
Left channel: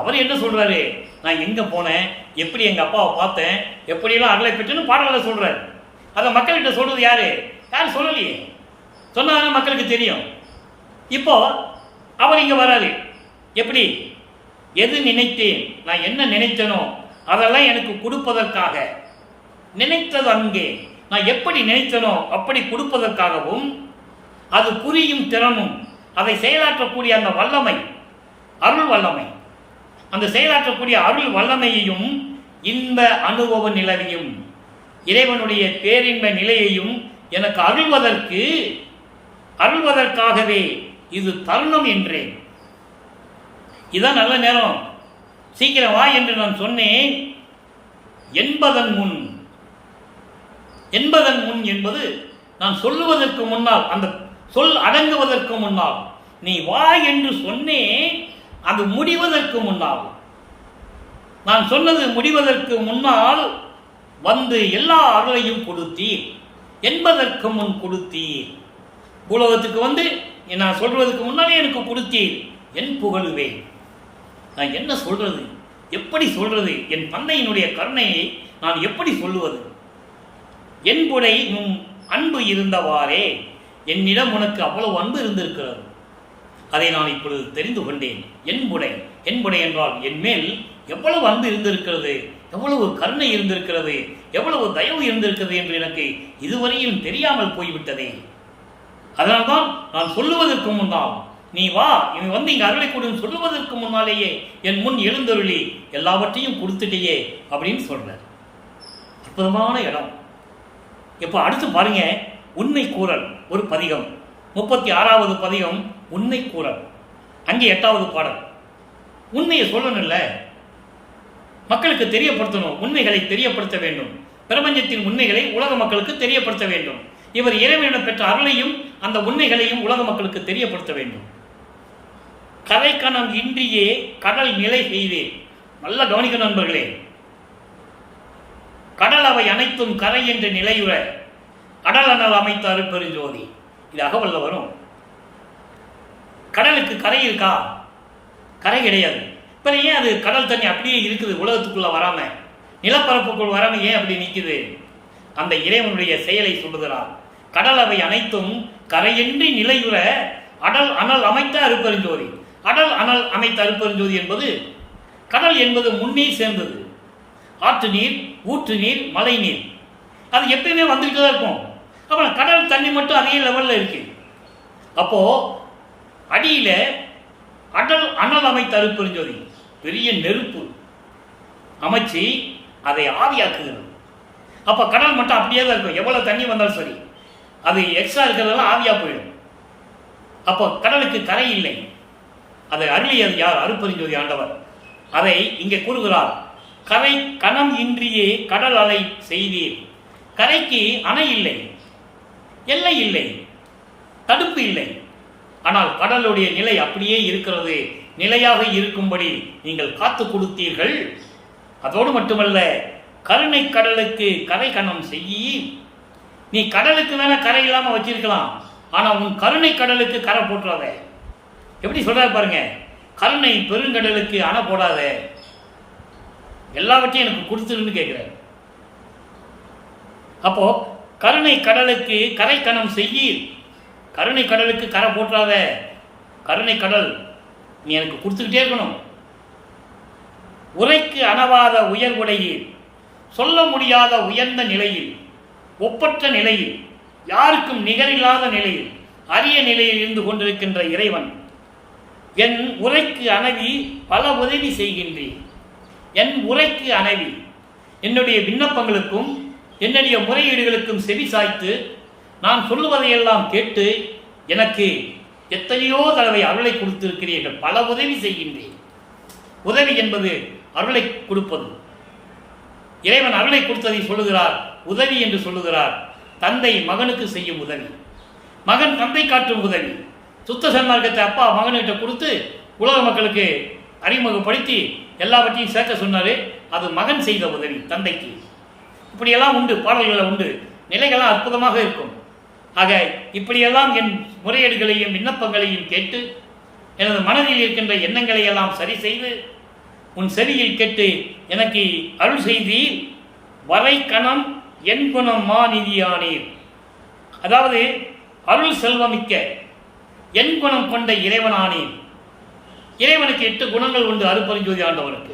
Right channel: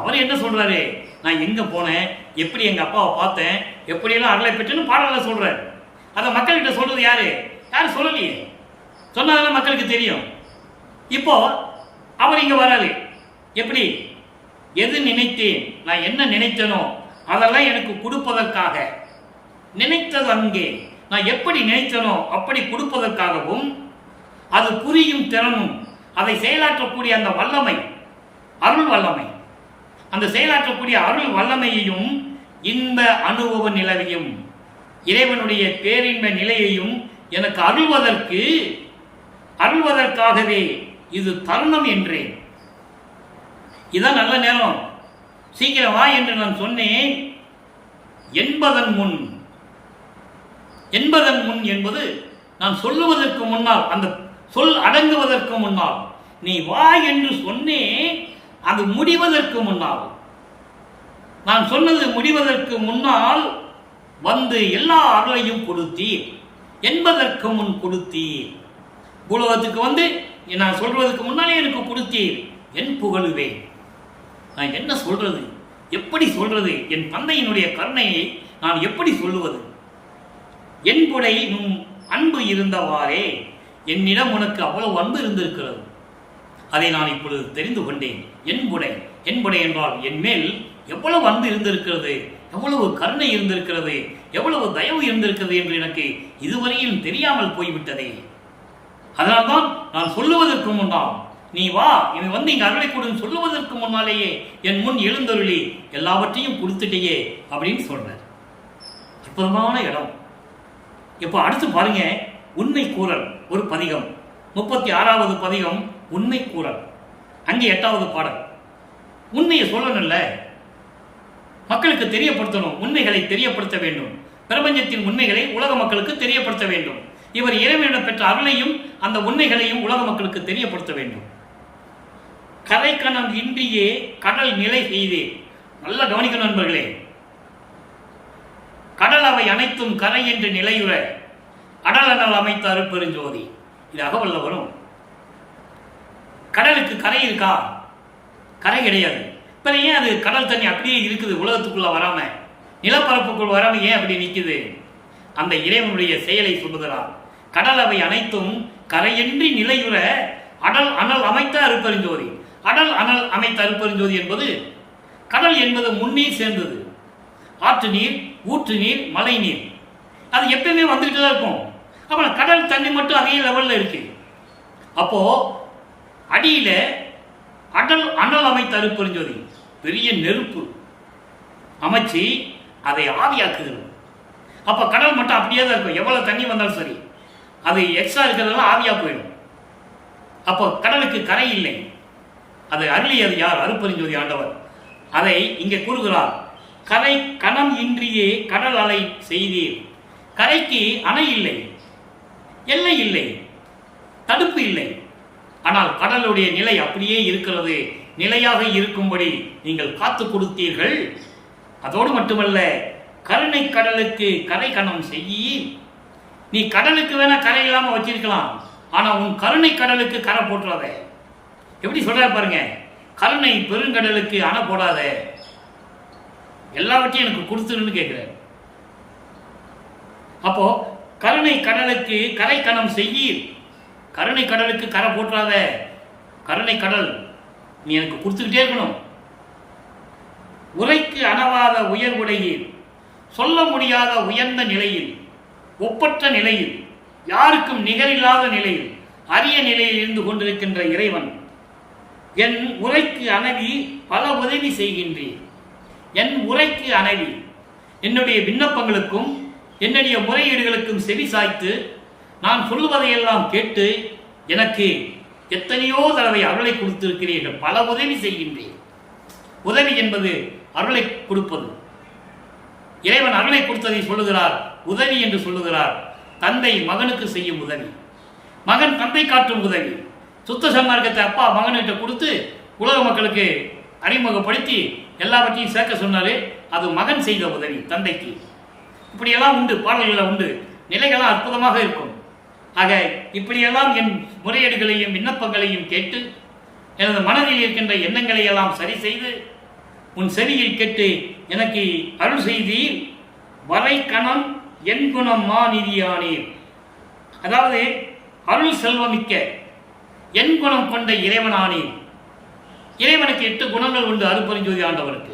அவர் என்ன சொல்றாரு, நான் எங்க போனேன், எப்படி எங்க அப்பாவை பார்த்தேன், எப்படியெல்லாம் அருளை பெற்றுன்னு பாடல சொல்றாரு. அதை மக்கள்கிட்ட சொல்றது யாரு? யாரும் சொல்லலையே. சொன்னாதான் மக்களுக்கு தெரியும். இப்போ அவர் இங்க வராது. எப்படி? எது நினைத்தேன், நான் என்ன நினைத்தனோ அதெல்லாம் எனக்கு கொடுப்பதற்காக. நினைத்தது அங்கே, நான் எப்படி நினைத்தனோ அப்படி கொடுப்பதற்காகவும், அது புரியும் திறமும், அதை செயலாற்றக்கூடிய அந்த வல்லமை, அருள் வல்லமை, அந்த செயலாற்றக்கூடிய அருள் வல்லமையையும் இன்ப அனுபவ நிலவையும் இறைவனுடைய பேரின்ப நிலையையும் எனக்கு அருள்வதற்காகவே இது தருணம் என்றேன். இதான் நல்ல நேரம், சீக்கிரம் வா என்று நான் சொன்னேன். என்பதன் முன் என்பது நான் சொல்லுவதற்கு முன்னால், அந்த சொல் அடங்குவதற்கு முன்னால், நீ வா என்று சொன்னேன். அது முடிவதற்கு முன்னால், நான் சொன்னது முடிவதற்கு முன்னால் வந்து எல்லா அருளையும் கொடுத்தீர். என்பதற்கு முன் கொடுத்தீர். பூலோகத்துக்கு வந்து நான் சொல்வதற்கு முன்னாலே எனக்கு கொடுத்தீர். என் புகழுவேன். நான் என்ன சொல்றது, எப்படி சொல்றது? என் தந்தையினுடைய கருணையை நான் எப்படி சொல்லுவது? என்புடை நும் அன்பு இருந்தவாறே, என்னிடம் உனக்கு அவ்வளவு அன்பு இருந்திருக்கிறது. அதை நான் இப்பொழுது தெரிந்து கொண்டேன். என்புடை என்றால் என் மேல் எவ்வளவு அன்பு இருந்திருக்கிறது, எவ்வளவு கருணை இருந்திருக்கிறது, எவ்வளவு தயவு இருந்திருக்கிறது என்று எனக்கு இதுவரையில் தெரியாமல் போய்விட்டதே. அதனால்தான் நான் சொல்லுவதற்கு முன்னால், நீ வா, இவன் வந்து இங்கே அருளை கொடுன்னு சொல்லுவதற்கு முன்னாலேயே என் முன் எழுந்தருளி எல்லாவற்றையும் கொடுத்துட்டேயே அப்படின்னு சொல்றார். அற்புதமான இடம். இப்போ அடுத்து பாருங்க, உண்மை கூறல் ஒரு பதிகம், 36வது பதிகம் உண்மை கூறல். அங்கே 8வது பாடல். உண்மையை சொல்லணும்ல, மக்களுக்கு தெரியப்படுத்தணும், உண்மைகளை தெரியப்படுத்த வேண்டும். பிரபஞ்சத்தின் உண்மைகளை உலக மக்களுக்கு தெரியப்படுத்த வேண்டும். இவர் இறைவனிடம் பெற்ற அருளையும் அந்த உண்மைகளையும் உலக மக்களுக்கு தெரியப்படுத்த வேண்டும். கரைக்கணம் இன்றியே கடல் நிலை செய்தே. நல்ல கவனிக்க நண்பர்களே. கடல் அவை அனைத்தும் கரை என்று நிலையுற அடல் அனல் அமைத்த அருட்பெருஞ்சோதி. இது அகவல்ல வரும். கடலுக்கு கரை இருக்கா? கரை கிடையாது. இப்போ ஏன் அது கடல் தண்ணி அப்படியே இருக்குது, உலகத்துக்குள்ள வராம, நிலப்பரப்புக்குள் வராம ஏன் அப்படி நிற்குது? அந்த இறைவனுடைய செயலை சொல்லுகிறார். கடல் அவை அனைத்தும் கரையின்றி நிலையுற அடல் அனல் அமைத்த அருட்பெருஞ்சோதி. அடல் அனல் அமைத்த அருட்பெருஞ்சோதி என்பது, கடல் என்பது முன்னீர் சேர்ந்தது. ஆற்று நீர், ஊற்று நீர், மழை நீர், அது எப்பயுமே வந்துகிட்டு தான் இருக்கும். அப்புறம் கடல் தண்ணி மட்டும் அதே லெவலில் இருக்கு. அப்போ அடியில் அடல் அனல் அமைத்த அருட்பெருஞ்சோதி பெரிய நெருப்பு அமைச்சு அதை ஆவியாக்குகிறது. அப்போ கடல் மட்டும் அப்படியே தான் இருக்கும். எவ்வளோ தண்ணி வந்தாலும் சரி, அது எக்ஸ்ட்ரா இருக்கிறதெல்லாம் ஆவியாக போயிடும். அப்போ கடலுக்கு கரை இல்லை. அதை அருளியது யார்? அருட்பெருஞ்சோதி ஆண்டவர். அதை இங்கே கூறுகிறார். கரை கணம் இன்றியே கடல் அலை செய்தீர். கரைக்கு அணை இல்லை, எல்லை இல்லை, தடுப்பு இல்லை. ஆனால் கடலுடைய நிலை அப்படியே இருக்கிறது. நிலையாக இருக்கும்படி நீங்கள் காத்து கொடுத்தீர்கள். அதோடு மட்டுமல்ல, கருணை கடலுக்கு கரை கணம் செய்ய. நீ கடலுக்கு வேணா கரை இல்லாமல் வச்சிருக்கலாம், ஆனால் உன் கருணை கடலுக்கு கரை போட்டுறாத. எப்படி சொல்றாரு பாருங்க. கருணை பெருங்கடலுக்கு அணை போடாத, எல்லாவற்றையும் எனக்கு கொடுத்துருன்னு கேட்கிறார். அப்போ கருணை கடலுக்கு கரை கணம் செய்யீர். கருணை கடலுக்கு கரை போட்டுறாத. கருணை கடல் நீ எனக்கு கொடுத்துக்கிட்டே இருக்கணும். உரைக்கு அணவாத உயர்வுடையீர். சொல்ல முடியாத உயர்ந்த நிலையில், ஒப்பற்ற நிலையில், யாருக்கும் நிகரில்லாத நிலையில், அரிய நிலையில் இருந்து கொண்டிருக்கின்ற இறைவன், என் உரைக்கு அணவி பல உதவி செய்கின்றேன். என் உரைக்கு அணவி, என்னுடைய விண்ணப்பங்களுக்கும் என்னுடைய முறையீடுகளுக்கும் செவி சாய்த்து நான் சொல்லுவதையெல்லாம் கேட்டு எனக்கு எத்தனையோ தடவை அருளை கொடுத்திருக்கிறீர்கள். பல உதவி செய்கின்றேன். உதவி என்பது அருளை கொடுப்பது. இறைவன் அருளை கொடுத்ததை சொல்லுகிறார், உதவி என்று சொல்லுகிறார். தந்தை மகனுக்கு செய்யும் உதவி, மகன் தந்தை காட்டும் உதவி. சுத்த சன்மார்க்கத்தை அப்பா மகன்கிட்ட கொடுத்து உலக மக்களுக்கு அறிமுகப்படுத்தி எல்லாவற்றையும் சேர்க்க சொன்னார். அது மகன் செய்த உதவி தந்தைக்கு. இப்படியெல்லாம் உண்டு, பாடல்களில் உண்டு, நிலைகள்லாம் அற்புதமாக இருக்கும். ஆக இப்படியெல்லாம் என் முறையீடுகளையும் விண்ணப்பங்களையும் கேட்டு எனது மனதில் இருக்கின்ற எண்ணங்களை எல்லாம் சரி செய்து உன் செவியில் கேட்டு எனக்கு அருள் செய்தீர். வரை கணம் என் குணம் மா நிதியானீர். அதாவது அருள் செல்வமிக்க என் குணம் கொண்ட இறைவனானீர். இறைவனுக்கு 8 குணங்கள் உண்டு அருட்பெருஞ்சோதி ஆண்டவனுக்கு.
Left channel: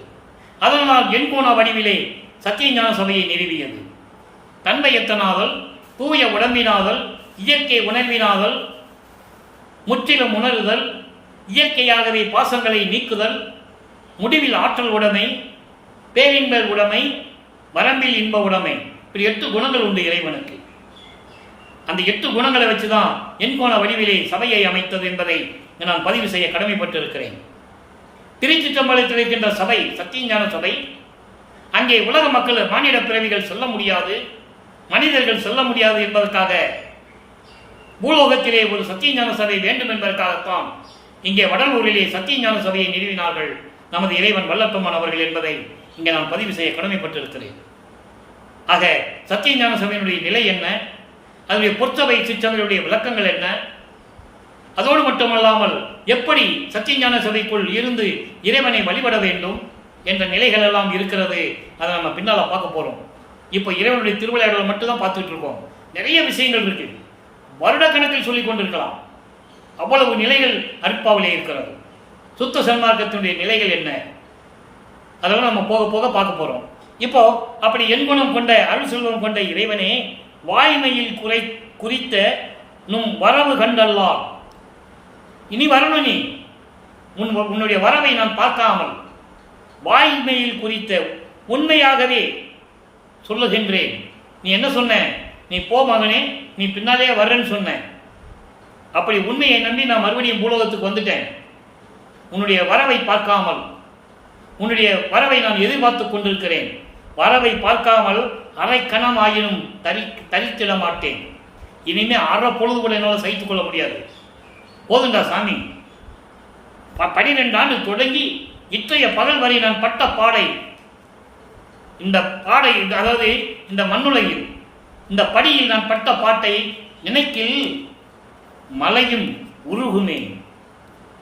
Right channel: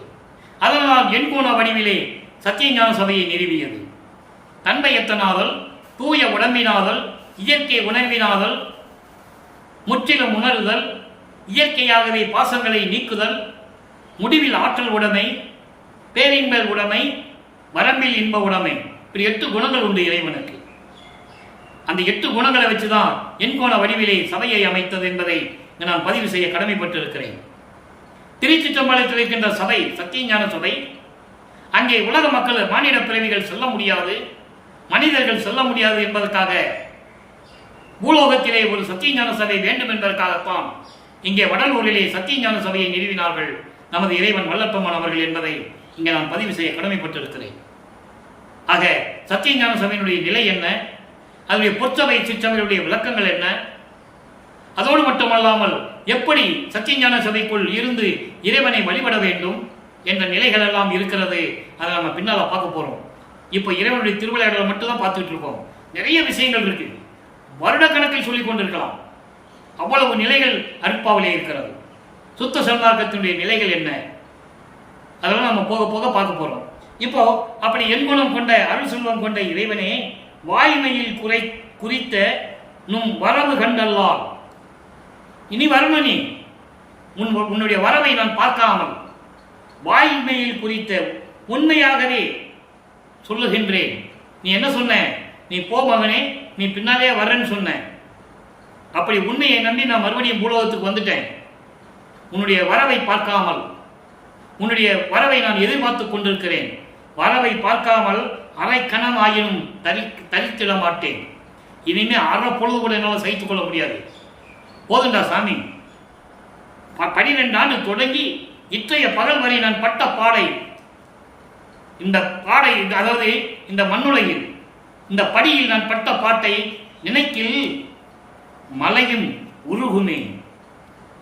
அதனால் என் குண வடிவிலே சத்தியஞான சபையை நிறுவியது. தன்மையத்தனாதல், தூய உடம்பினாதல், இயற்கை உணர்வினாதல், முற்றிலும் உணருதல், இயற்கையாகவே பாசங்களை நீக்குதல், முடிவில் ஆற்றல் உடைமை, பேரின்ப உடைமை, வரம்பில் இன்ப உடைமை, இப்படி 8 குணங்கள் உண்டு இறைவனுக்கு. அந்த 8 குணங்களை வச்சுதான் எண்கோண வடிவிலே சபையை அமைத்தது என்பதை நான் பதிவு செய்ய கடமைப்பட்டிருக்கிறேன். திருச்சிற்றம்பலத்தில் இருக்கின்ற சபை சத்தியஞான சபை. அங்கே உலக மக்கள், மானிட பிறவிகள் செல்ல முடியாது, மனிதர்கள் செல்ல முடியாது என்பதற்காக பூலோகத்திலே ஒரு சத்தியஞான சபை வேண்டும் என்பதற்காகத்தான் இங்கே வடலூரிலே சத்தியஞான சபையை நிறுவினார்கள் நமது இறைவன் வல்லப்பெருமான் அவர்கள் என்பதை இங்கே நான் பதிவு செய்ய கடமைப்பட்டிருக்கிறேன். ஆக சத்தியஞான சபையினுடைய நிலை என்ன, அதனுடைய பொற்சபை சிற்றமையுடைய விளக்கங்கள் என்ன, அதோடு மட்டுமல்லாமல் எப்படி சத்தியஞான சபைக்குள் இருந்து இறைவனை வழிபட வேண்டும் என்ற நிலைகள் எல்லாம் இருக்கிறது. அதை நம்ம பின்னால் பார்க்க போகிறோம். இப்போ இறைவனுடைய திருவிளையாடலை மட்டும்தான் பார்த்துட்டு இருக்கோம். நிறைய விஷயங்கள் இருக்கு, வருடக்கணக்கில் சொல்லிக் கொண்டிருக்கலாம். அவ்வளவு நிலைகள் அருட்பாவிலே இருக்கிறது. சுத்த சன்மார்க்கத்தினுடைய நிலைகள் என்ன, அதெல்லாம் நம்ம போக போக பார்க்க போகிறோம். இப்போ அப்படி எண்குணம் கொண்ட அருள் செல்வம் கொண்ட இறைவனே, வாய்மையில் குறித்த நும் வரவு கண்டல்லால், இனி வரணும், நீ உன்னுடைய வரவை நான் பார்க்காமல் வாய்மையில் குறித்த உண்மையாகவே சொல்லுகின்றேன். நீ என்ன சொன்ன, நீ போ மகனே, நீ பின்னாலே வர்றேன்னு சொன்ன. அப்படி உண்மையை நம்பி நான் மறுபடியும் பூலோகத்துக்கு வந்துட்டேன். உன்னுடைய வரவை பார்க்காமல், உன்னுடைய வரவை நான் எதிர்பார்த்து கொண்டிருக்கிறேன். வரவை பார்க்காமல் அரை கணம் ஆயினும் தரித்திட மாட்டேன். இனிமே அரை பொழுது கூட என்னால் சகித்துக் கொள்ள முடியாது. போதுண்டா சாமி, 12 ஆண்டு தொடங்கி இன்றைய பகல் வரை நான் பட்ட பாடை, இந்த பாடை, அதாவது இந்த மண்ணுலகில் இந்த படியில் நான் பட்ட பாட்டை நினைக்கில் மலையும் உருகுமே,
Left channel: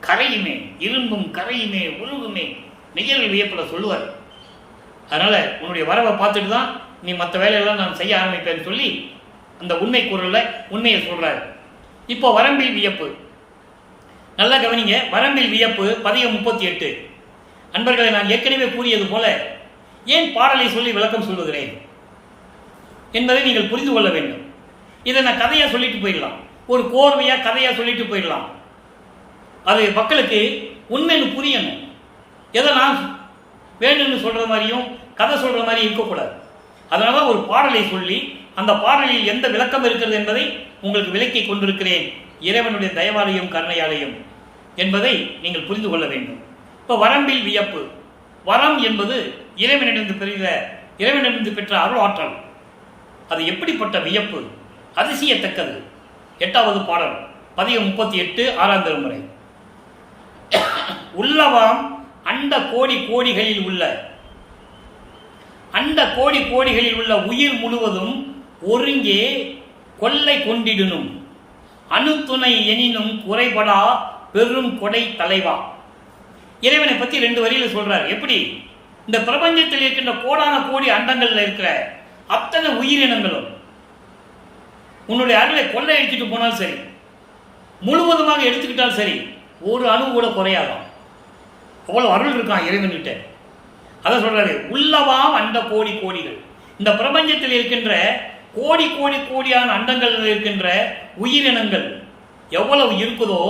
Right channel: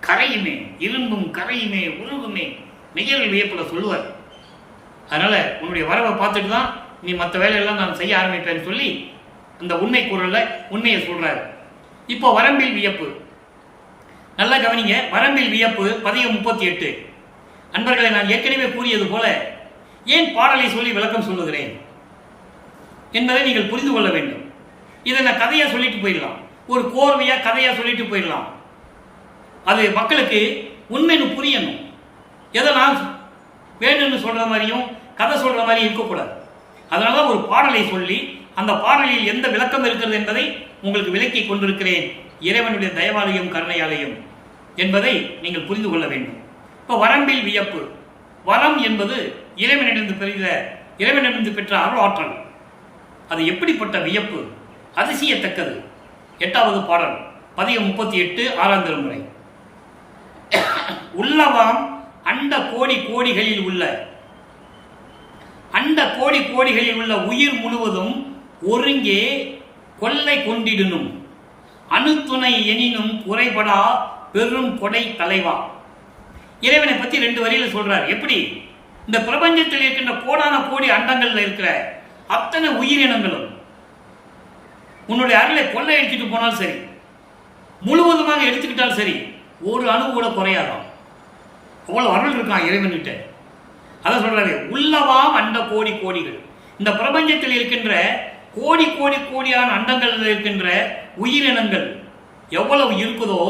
கரையுமே, இரும்பும் கரையுமே, உருகுமே, நெய்யல் வியப்பில் சொல்லுவார். அதனால உன்னுடைய வரவை பார்த்துட்டு தான் நீ மற்ற வேலையெல்லாம் நான் செய்ய ஆரம்பிப்பேன்னு சொல்லி அந்த உண்மை குரல்ல உண்மையை சொல்றாரு. இப்போ வரம்பில் வியப்பு நல்லா கவனிங்க. வரம்பில் வியப்பு பதிகம் 38. அன்பர்களை, நான் ஏற்கனவே கூறியது போல ஏன் பாடலை சொல்லி விளக்கம் சொல்லுகிறேன் என்பதை நீங்கள் புரிந்து கொள்ள வேண்டும். இதை நான் கதையா சொல்லிட்டு போயிடலாம், ஒரு கோர்வையா கதையா சொல்லிட்டு போயிடலாம். அது மக்களுக்கு உண்மைன்னு புரியணும். எதை நான் வேணும்னு சொல்ற மாதிரியும் கதை சொல்ற மாதிரி இருக்கக்கூடாது. அதனால ஒரு பாடலை சொல்லி அந்த பாடலில் எந்த விளக்கம் இருக்கிறது என்பதை உங்களுக்கு விளக்கி கொண்டிருக்கிறேன். இறைவனுடைய தயவாலயம் கருணையாலயம் என்பதை நீங்கள் புரிந்து கொள்ள வேண்டும். இப்போ வரம்பில் வியப்பு, வரம் என்பது இறைவனிடமிருந்து பெற்ற அருள் ஆற்றல். அது எப்படிப்பட்ட வியப்பு, அதிசயத்தக்கது. 8வது பாடல் பதிகம் 38 6ஆம் திருமுறை. உள்ளவாம் அண்ட கோடி கோடிகளில் உள்ள உயிர் முழுவதும் ஒருங்கே கொள்ளை கொண்டிடனும் அணுத்துணை எனினும் குறைபடா பெரும் கொடை தலைவா. இறைவனை பற்றி 2 வரியில் சொல்றார். எப்படி இந்த பிரபஞ்சத்தில் இருக்கின்ற கோடான கோடி அண்டங்கள்ல இருக்கிற அத்தனை உயிரினங்களும் உன்னுடைய அருளை கொள்ளை அடிச்சுட்டு போனாலும் சரி, முழுவதுமாக எடுத்துக்கிட்டாலும் சரி, ஒரு அணு கூட குறையாதான். அவ்வளவு அருள் இருக்கான் இறைவன்கிட்ட. அதை சொல்றாரு, உள்ளவாம் அண்ட கோடி கோடிகள். இந்த பிரபஞ்சத்தில் இருக்கின்ற கோடி கோடி கோடியான அண்டங்கள் இருக்கின்ற உயிரினங்கள் எவ்வளவு இருக்குதோ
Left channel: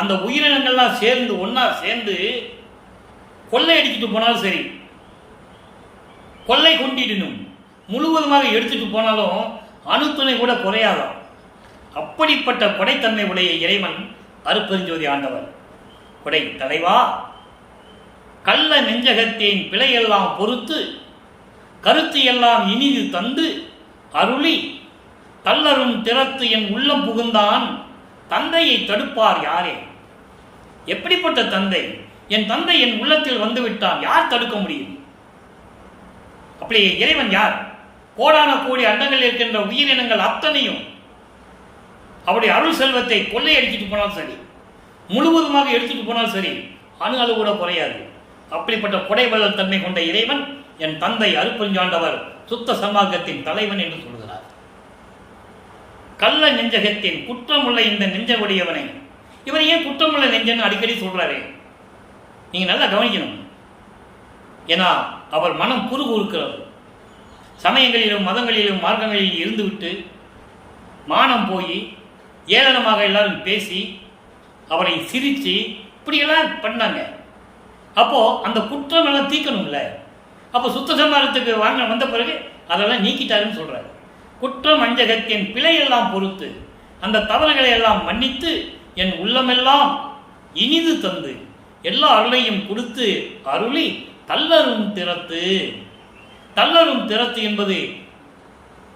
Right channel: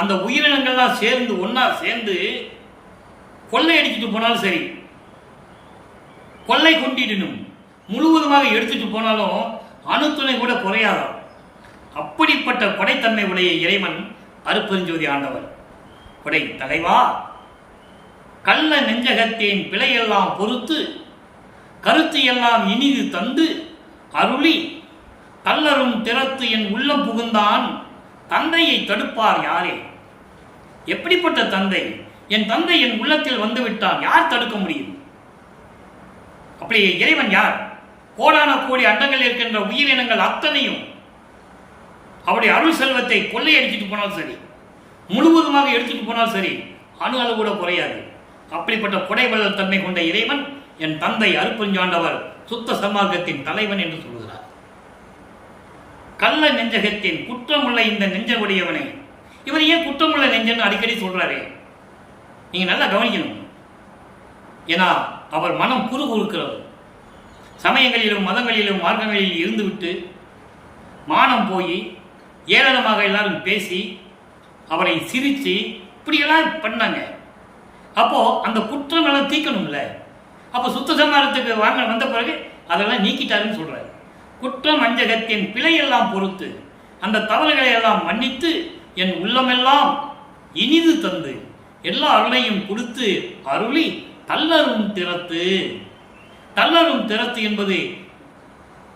அந்த உயிரினங்கள்லாம் சேர்ந்து ஒன்னா சேர்ந்து கொள்ளை அடிச்சுட்டு போனாலும் சரி, கொள்ளை கொண்டிடனும் முழுவதுமாக எடுத்துட்டு போனாலும் அணுத்துணை கூட குறையாதான். அப்படிப்பட்ட கொடைத்தன்மை உடைய இறைவன் அருட்பெருஞ்சோதி ஆண்டவர். கொடை தலைவா, கள்ள நெஞ்சகத்தேன் பிழையெல்லாம் பொறுத்து கருத்து எல்லாம் இனிது தந்து அருளி தள்ளரும் திறத்து என் உள்ளம் புகுந்தான் தந்தையை தடுப்பார் யாரே. எப்படிப்பட்ட தந்தை, என் தந்தை என் உள்ளத்தில் வந்துவிட்டான், யார் தடுக்க முடியும்? அப்படி இறைவன் யார்? கோடான கோடி அண்டங்கள் இருக்கின்ற உயிரினங்கள் அத்தனையும் அவருடைய அருள் செல்வத்தை கொள்ளையடிச்சிட்டு போனாலும் சரி, முழுவதுமாக எடுத்துட்டு போனாலும் சரி, அணு அளவு கூட குறையாது. அப்படிப்பட்ட கொடைவள்ளல் தன்மை கொண்ட இறைவன் என் தந்தை அருட்பெருஞ்சாண்டவர் சுத்த சன்மார்க்கத்தின் தலைவன் என்று சொல்கிறார். கள்ள நெஞ்சகத்தின் குற்றமுள்ள இந்த நெஞ்ச உடையவனை, இவர் ஏன் குற்றமுள்ள நெஞ்சன்னு அடிக்கடி சொல்றாரு? நீங்க நல்லா கவனிக்கணும். ஏன்னா அவர் மனம் குறுகுறுக்கிறது. சமயங்களிலும் மதங்களிலும் மார்க்கங்களில் இருந்துவிட்டு மானம் போய் ஏளனமாக எல்லாரும் பேசி அவரை சிரித்து இப்படியெல்லாம் பண்ணாங்க. அப்போ அந்த குற்றம் எல்லாம் தீர்க்கணும்ல. அப்போ சுத்த சன்மார்க்கத்துக்கு வந்த பிறகு அதெல்லாம் நீக்கிட்டாருன்னு சொல்றாரு. குற்றம் அஞ்சகத்தின் பிழையெல்லாம் பொறுத்து அந்த தவறுகளை எல்லாம் மன்னித்து என் உள்ளமெல்லாம் இனிது தந்து எல்லா அருளையும் கொடுத்து அருளி தள்ளரும் திறத்து. தள்ளரும் திறத்து என்பது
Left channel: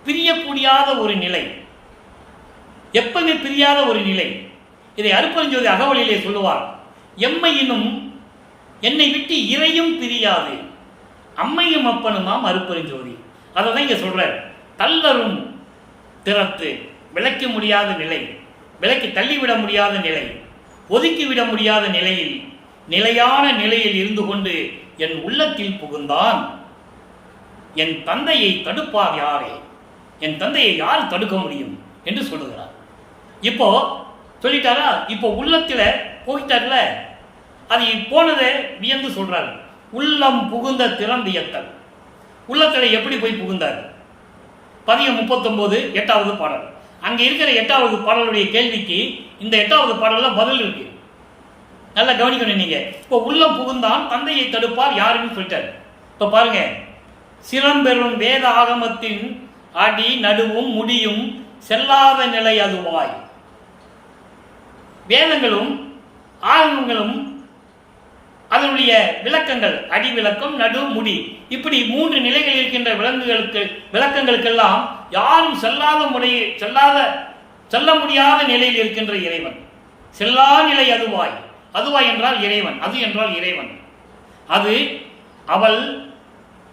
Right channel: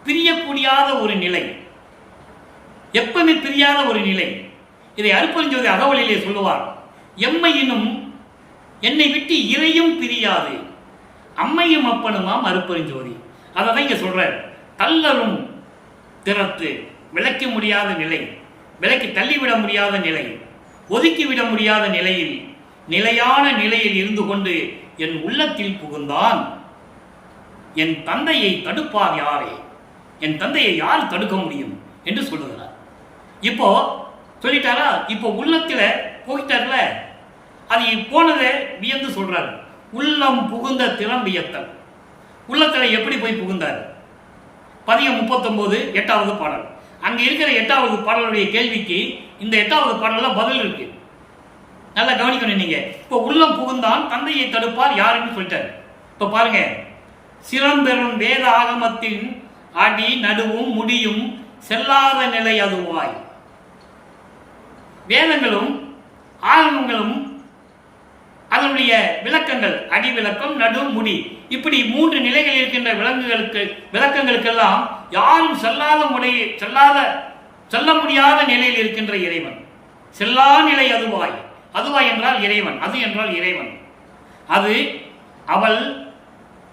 பிரியக்கூடியாத ஒரு நிலை, எப்பவுமே பிரியாத ஒரு நிலை. இதை அருட்பெருஞ்சோதி அகவலிலே சொல்லுவார். எம்மையினும் என்னை விட்டு இறையும் பிரியாது அம்மையும் அப்பனுமாம் அருட்பெருஞ்சோதி. அதை தான் இங்கே சொல்றார். தள்ளரும் திறத்து, விளக்க முடியாத நிலை, விலக்கி தள்ளிவிட முடியாத நிலை, ஒதுக்கிவிட முடியாத நிலையில் நிலையான நிலையில் இருந்து கொண்டு என் உள்ளத்தில் புகுந்தான். என் தந்தையை தடுப்பார் யாரே? என் தந்தையை யார் தடுக்க முடியும் என்று சொல்லுகிறார். இப்போ சொல்லிட்டாரா? இப்போ உள்ளத்தில் போயிட்டார்ல, அது போனதை வியந்து சொல்றாரு. உள்ளம் புகுந்த திறம் வியத்தல். உள்ளத்தில் எப்படி போய் புகுந்தார்? பதிகம் 39 8வது பாடல். அங்கே இருக்கிற 8வது பாடலுடைய கேள்விக்கு இந்த 8வது பாடலில் பதில் இருக்கு. நல்லா கவனிக்கணும் நீங்க. இப்போ உள்ளம் புகுந்தான் தந்தையை தடுப்பார் யாருன்னு சொல்லிட்டாரு. இப்போ பாருங்க, சிறம்பெறும் வேத ஆகமத்தின் அடி நடுவும் முடியும் செல்லாத நிலை அதுவாய். வேதங்களும் ஆகமங்களும் அதனுடைய விளக்கங்கள், அடி விளக்கம், நடு, முடி, இப்படி 3 நிலைகள் இருக்கின்ற விளக்கங்களுக்கெல்லாம் யாரும் செல்ல முடியாத நிலையில் இருக்கின்ற இறைவன். செல்லா நிலை அதுவாய். அதுவாய் என்றால் இறைவன், அது என்றால் இறைவன். அது அவள்,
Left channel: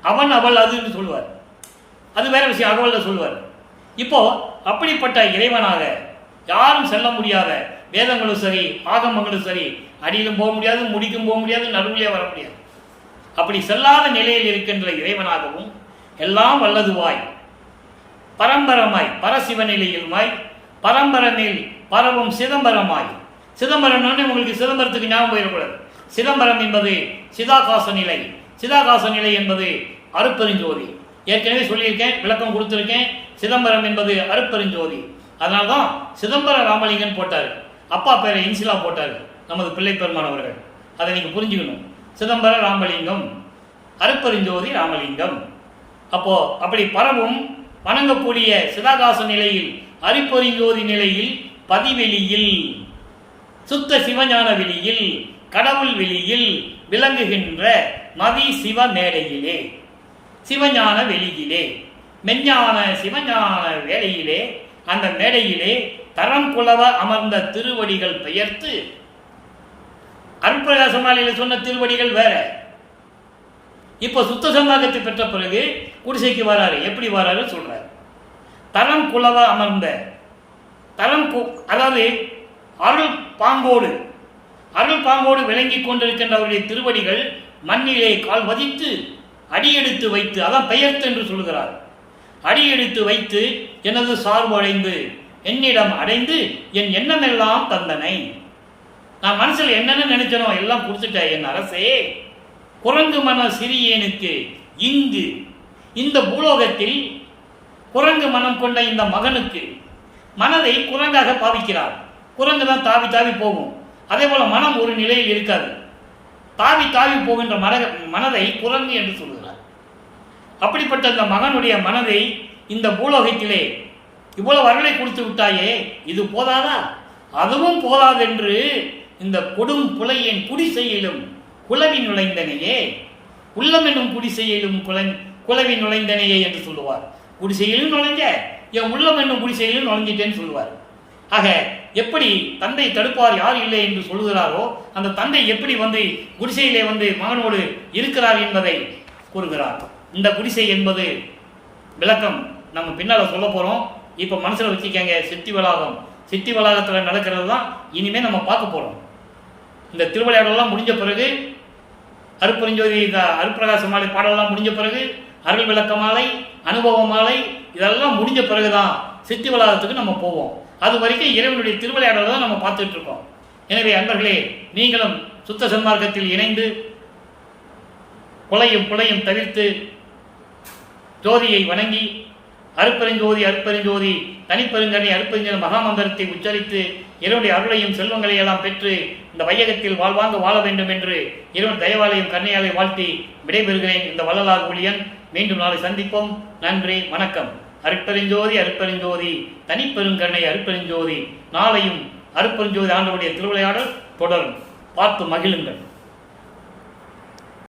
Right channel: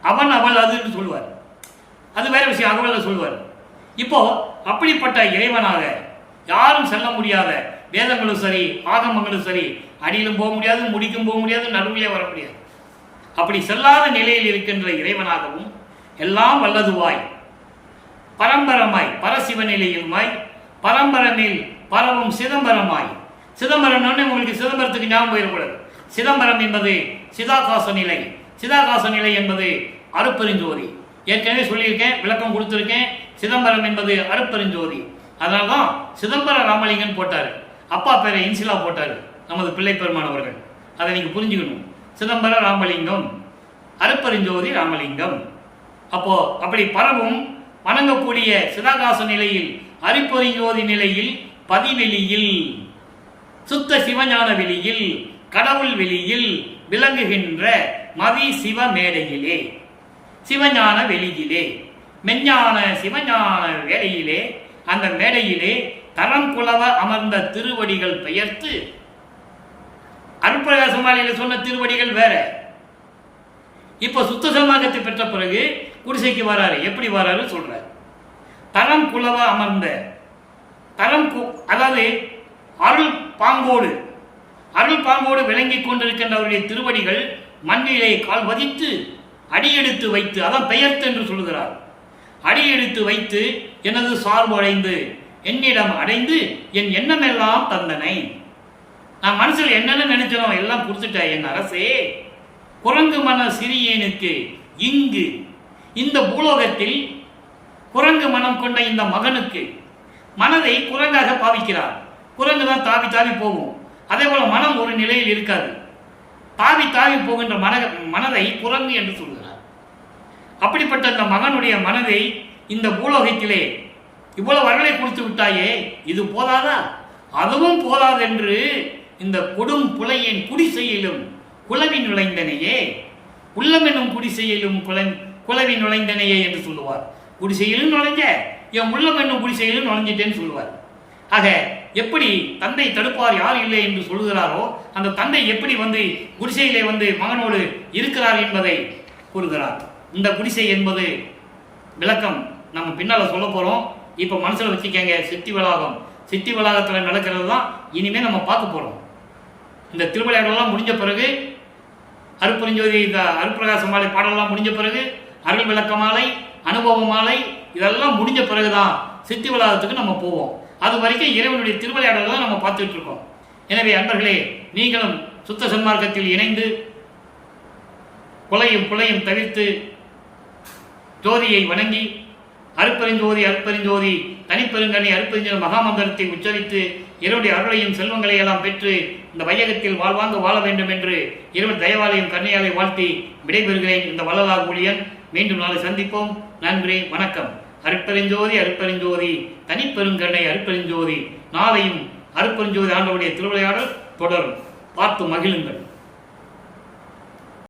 அவன், அவள், அது என்று சொல்லுவார். அது வேற விஷயம், அகவல்ல சொல்லுவார். இப்போ அப்படிப்பட்ட இறைவனாக யாரும் செல்ல முடியாத வேதங்களும் சரி ஆகமங்களும் சரி, அடியிலும் போக முடியாது, முடிக்கும் போக முடியாது, நடுவிலே வர முடியாது. அப்படி செல்லாத நிலையில் இருக்கின்ற இறைவனாகவும் எல்லாம் வல்லதுவாய் பரம்பரமாய் பரசிவ நிலையிலுமாய் பரம்பரமேல் பரவும் சிதம்பரமாய். சிதம்பரம்னு உங்களுக்கு சிதம்பரத்துக்கு ஞாபகம் போயிடக்கூடாது. சிதம்பரம் என்பது சிதாகாச நிலை. சிதாகாச நிலை என்பது அருட்பெருஞ்சோதி. ஏற்கனவே சொல்லியிருக்கேன், விளக்கம் கொடுத்துருக்கேன். சிதம்பரம் என்பது அருட்பெருஞ்சோதி. அதனால தான் சிதம்பர ராமலிங்கன் போட்டார். அப்பா பேரை இன்சிலா போட்டார் நமது பிள்ளை பெருமானவர்கள். அதை நீங்கள் புரிஞ்சுக்கணும். சிதம்பர ராமலிங்கம், அருட்பெருஞ்சோதி ராமலிங்கம். அப்போ அப்படி பரவும் வணங்கக்கூடிய சிதாகாச நிலையில், அருட்பெருஞ்சோதி நிலையில், பதிவெளியில், சுத்த சிவஞான வெளியில், கடவுள் வெளியில் விளங்குகின்ற மதி சிவ மேடையிலே, சிவஞான வெளியிலே, மெஞ்ஞான சிவஞான வேளையிலே, அந்த மேடையிலே தரம் குலவ அமர்ந்த திருவடிகள் பெயர்த்து. அருட்பிரகாசமாலையில சொன்ன திருவடிகள் வேற. இப்போ சுத்த சன்மார்க்கத்தை பெற்ற பிறகு குடிசைக்கு வராரு. எப்படி வராரு சொல்றாரு. தரம் குலவ அமர்ந்த, அதாவது அருள் பாங்கோடு விளங்கி கொண்டிருக்கின்ற அவருடைய திருவடிகள் மண்ணிலே கால் வதித்து அடியெடுத்து வைத்து, அதான் பெயர்த்து என்று சொல்லுகிறார். அடியெடுத்து வைத்து எனது சார்பு அடைந்து என்னிடம் அடைந்து என் எண்ணமெல்லாம் தந்தனை. நான் மனசில் என்னென்ன நினைச்சனோ எல்லாம் கொடுத்துட்ட என் அரசே. குரங்கு மன சிறியேனுக்கு இங்கு இந்த பூலோகத்தில் குரங்கு மனம் கொண்ட இந்த மகனுக்கு, மனதை குரங்காக பாவிக்கிறார். குரங்கு தான் தாவி தாவி போகும். அதே போல மனம் ஒரு நிலையில் இருக்காது. தாவி தாவி போகின்ற மனதை குரங்கு என்று சொல்கிறார். அப்படிப்பட்ட இந்த மகனுடைய மனதை இந்த பூலோகத்திலே இவ்வளவு அருளை கொடுத்து விட்டாயே, இது போதாதா? அதுவும் போதாதென்று இந்த கொடும் புலையேன் குடிசையிலும் குலவி நுழைந்தனையே, உள்ளம் என்னும் குடிசையிலும் குலவி நுழைந்தனையே என்று சொல்லுவார். குடிசையிலும் நுழைஞ்ச, என் உள்ளம் என்னும் குடிசையிலும் நுழைஞ்சிட்டேன்னு சொல்லுவார். ஆக எப்படி தந்தை தடுப்பார் யார் இல்லை என்று சொல்லுகிறாரோ, அந்த தந்தை எப்படி வந்து குடிசையிலே வந்து மகனோடு இருக்கிறார் என்பதை கூறுகிறார். இந்த குடிசை என்பது விளக்கம் நம்ம பின்னால் சொல்ல போகிறோம். இப்போ மனசில் வச்சுக்கங்க, சித்தி வளாகம். சித்தி வளாகத்தில் நடக்கிறது தான் இனிமேல் நம்ம பார்க்க போகிறோம். இந்த திருவிளையாடலாம் முடிஞ்ச பிறகு, அருட்பெருஞ்சோதி அருட்பிரகாச மாலை பாடலாம் முடிஞ்ச பிறகு, அருள் விளக்க மாலை, அனுபவ மாலை, இதெல்லாம் முடிஞ்ச பிறகு தான் சித்தி வளாகத்துக்கு நம்ம போவோம். அது வரைக்கும் இறைவனுடைய திருவிளையாடலை தான் நம்ம பார்த்துட்டு இருக்கோம். எனவே அன்பர்களே, நீங்களும் சுத்த சன்மார்க்கத்தில் இணைந்து கொலையும் புலையும் தவிர்த்து ஜோதியை வணங்கி அருட்பெருஞ்சோதி அருட்பெருஞ்சோதி தனிப்பெருங்கனை அருட்பெருஞ்சோதி மகாமந்திரத்தை உச்சரித்து இறைவனுடைய அருளையும் செல்வங்களை எல்லாம் பெற்று இந்த வையகத்தில் வாழ்வாங்க வாழ வேண்டும் என்று இறைவன் தயவாலையும் கருணையாலை வாழ்த்தி விடைபெறுகிறேன். இந்த வள்ளலார் ஊழியன் மீண்டும் நாளை சந்திப்போம். நன்றி, வணக்கம். அருட்பெருஞ்சோதி அருட்பெருஞ்சோதி, தனிப்பெருங்கருணை அருட்பெருஞ்சோதி. நாளையும் அருட்பெருஞ்சோதி ஆண்டவருடைய திருவிளையாடல் தொடரும். பார்த்து மகிழுங்கள்.